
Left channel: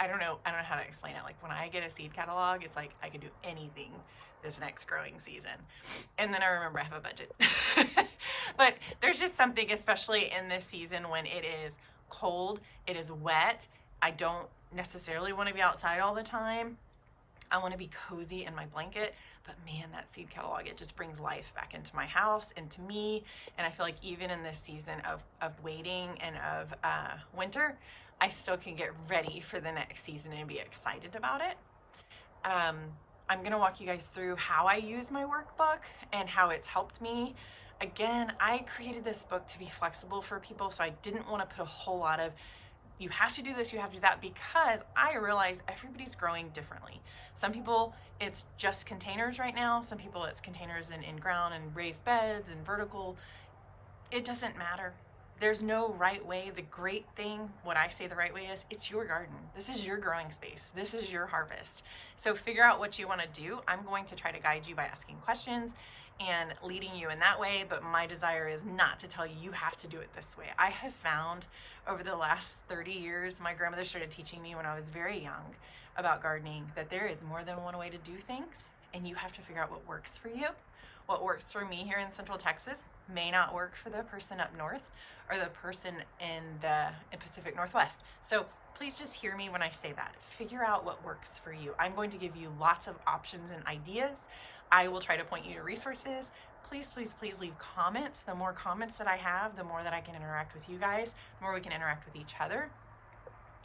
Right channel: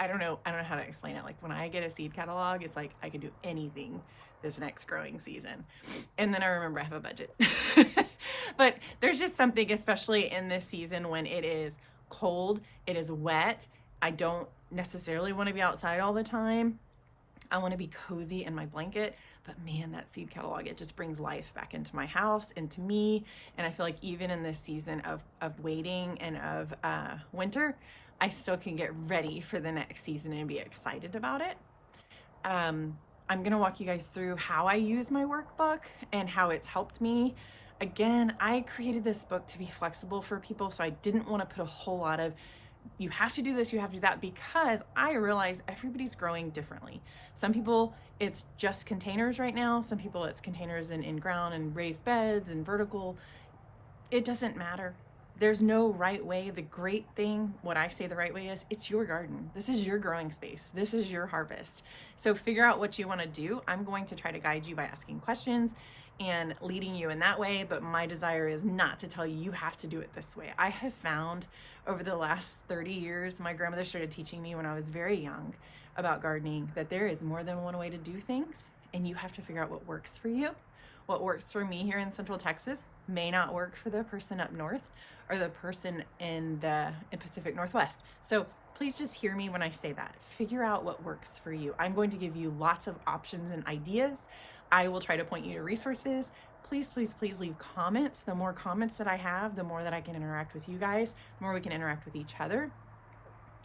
I don't know how to explain it. Like when I get a seed catalog, it's like I can do anything this next growing season. And then I remember I have a budget. But there's just something, especially in this season when it is cold, it is wet. I don't necessarily want to be outside all the time. I want to be cozy in my blanket, but man, that seed catalog, it just brings life back into my house, into me. And I feel like even in this season of waiting and of winter, I still can get ready for the next season and be excited about it. I'm going to walk you guys through how I use my workbook and how it's helped me. Again, I created this book to be flexible for people, so I didn't want to put a whole lot of you have to do this, you have to do that, because I realize everybody's growing differently. Some people, it's just containers right now. Some people, it's containers in ground and raised beds and vertical. It doesn't matter. There's no right way. The great thing, what I say the right way is, it's your garden. This is your growing space. This is your harvest. So figure out what you want to do. I'm going to try to guide you by asking questions and leading you in that way, but my desire is not to tell you you have to do it this way. I have found over the last 30 years, my grandmother started teaching me when I was very young about gardening, that there is more than one way to do things, and you have to figure out what works for you. What works for me here in Central Texas may not work for the person up north or the person in the Pacific Northwest. So please just hear me when I say that. Figure out what works for you. I'm going to give you lots of options and ideas. I will try to point you to resources. Please, please, please leave comments. The more comments that I have, the more that I can interact with you guys, the more we can interact with each other.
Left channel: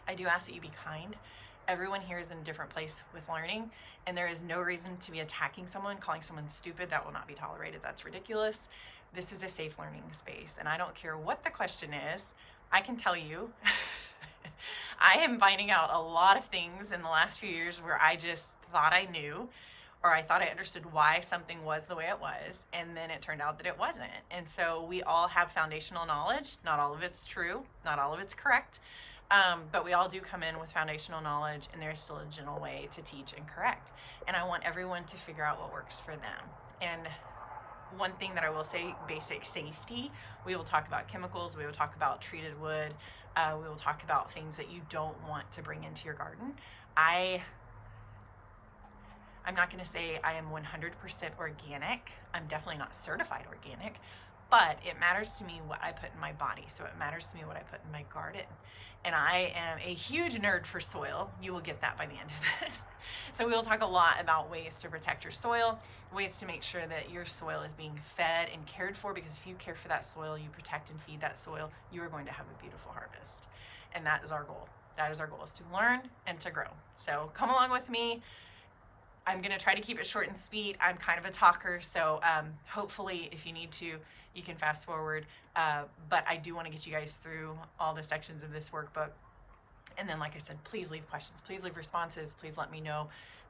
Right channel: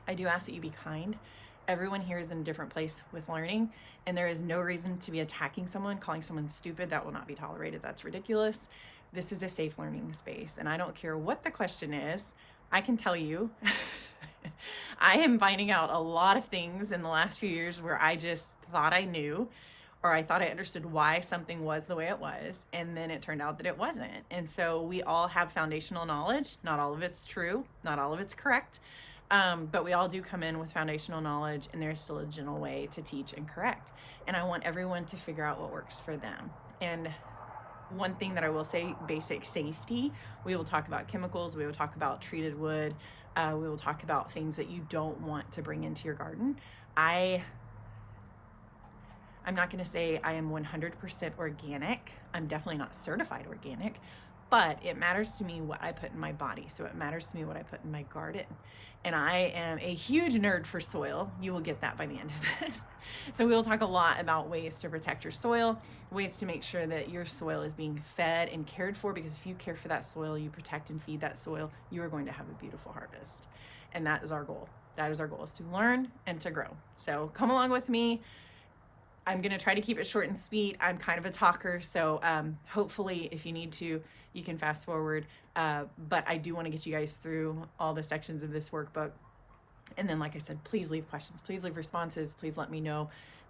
I do ask that you be kind. Everyone here is in a different place with learning, and there is no reason to be attacking someone, calling someone stupid. That will not be tolerated. That's ridiculous. This is a safe learning space, and I don't care what the question is. I can tell you, I am finding out a lot of things in the last few years where I just thought I knew, or I thought I understood why something was the way it was, and then it turned out that it wasn't. And so we all have foundational knowledge. Not all of it's true, not all of it's correct. But we all do come in with foundational knowledge, and there's still a gentle way to teach and correct. And I want everyone to figure out what works for them. And one thing that I will say, basic safety, we will talk about chemicals, we will talk about treated wood, we will talk about things that you don't want to bring into your garden. I'm not going to say I am 100% organic. I'm definitely not certified organic, but it matters to me what I put in my body. So it matters to me what I put in my garden. And I am a huge nerd for soil. You will get that by the end of this. So we will talk a lot about ways to protect your soil, ways to make sure that your soil is being fed and cared for, because if you care for that soil, you protect and feed that soil, you are going to have a beautiful harvest. And that is our goal. That is our goal, is to learn and to grow. So come along with me. I'm going to try to keep it short and sweet. I'm kind of a talker, so hopefully if you need to, you can fast forward. But I do want to get you guys through all the sections of this workbook. And then, like I said, please leave questions. Please leave responses. Please let me know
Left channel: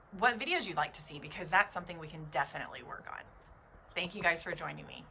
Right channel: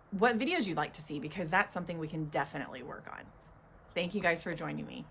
what videos you'd like to see, because that's something we can definitely work on. Thank you guys for joining me.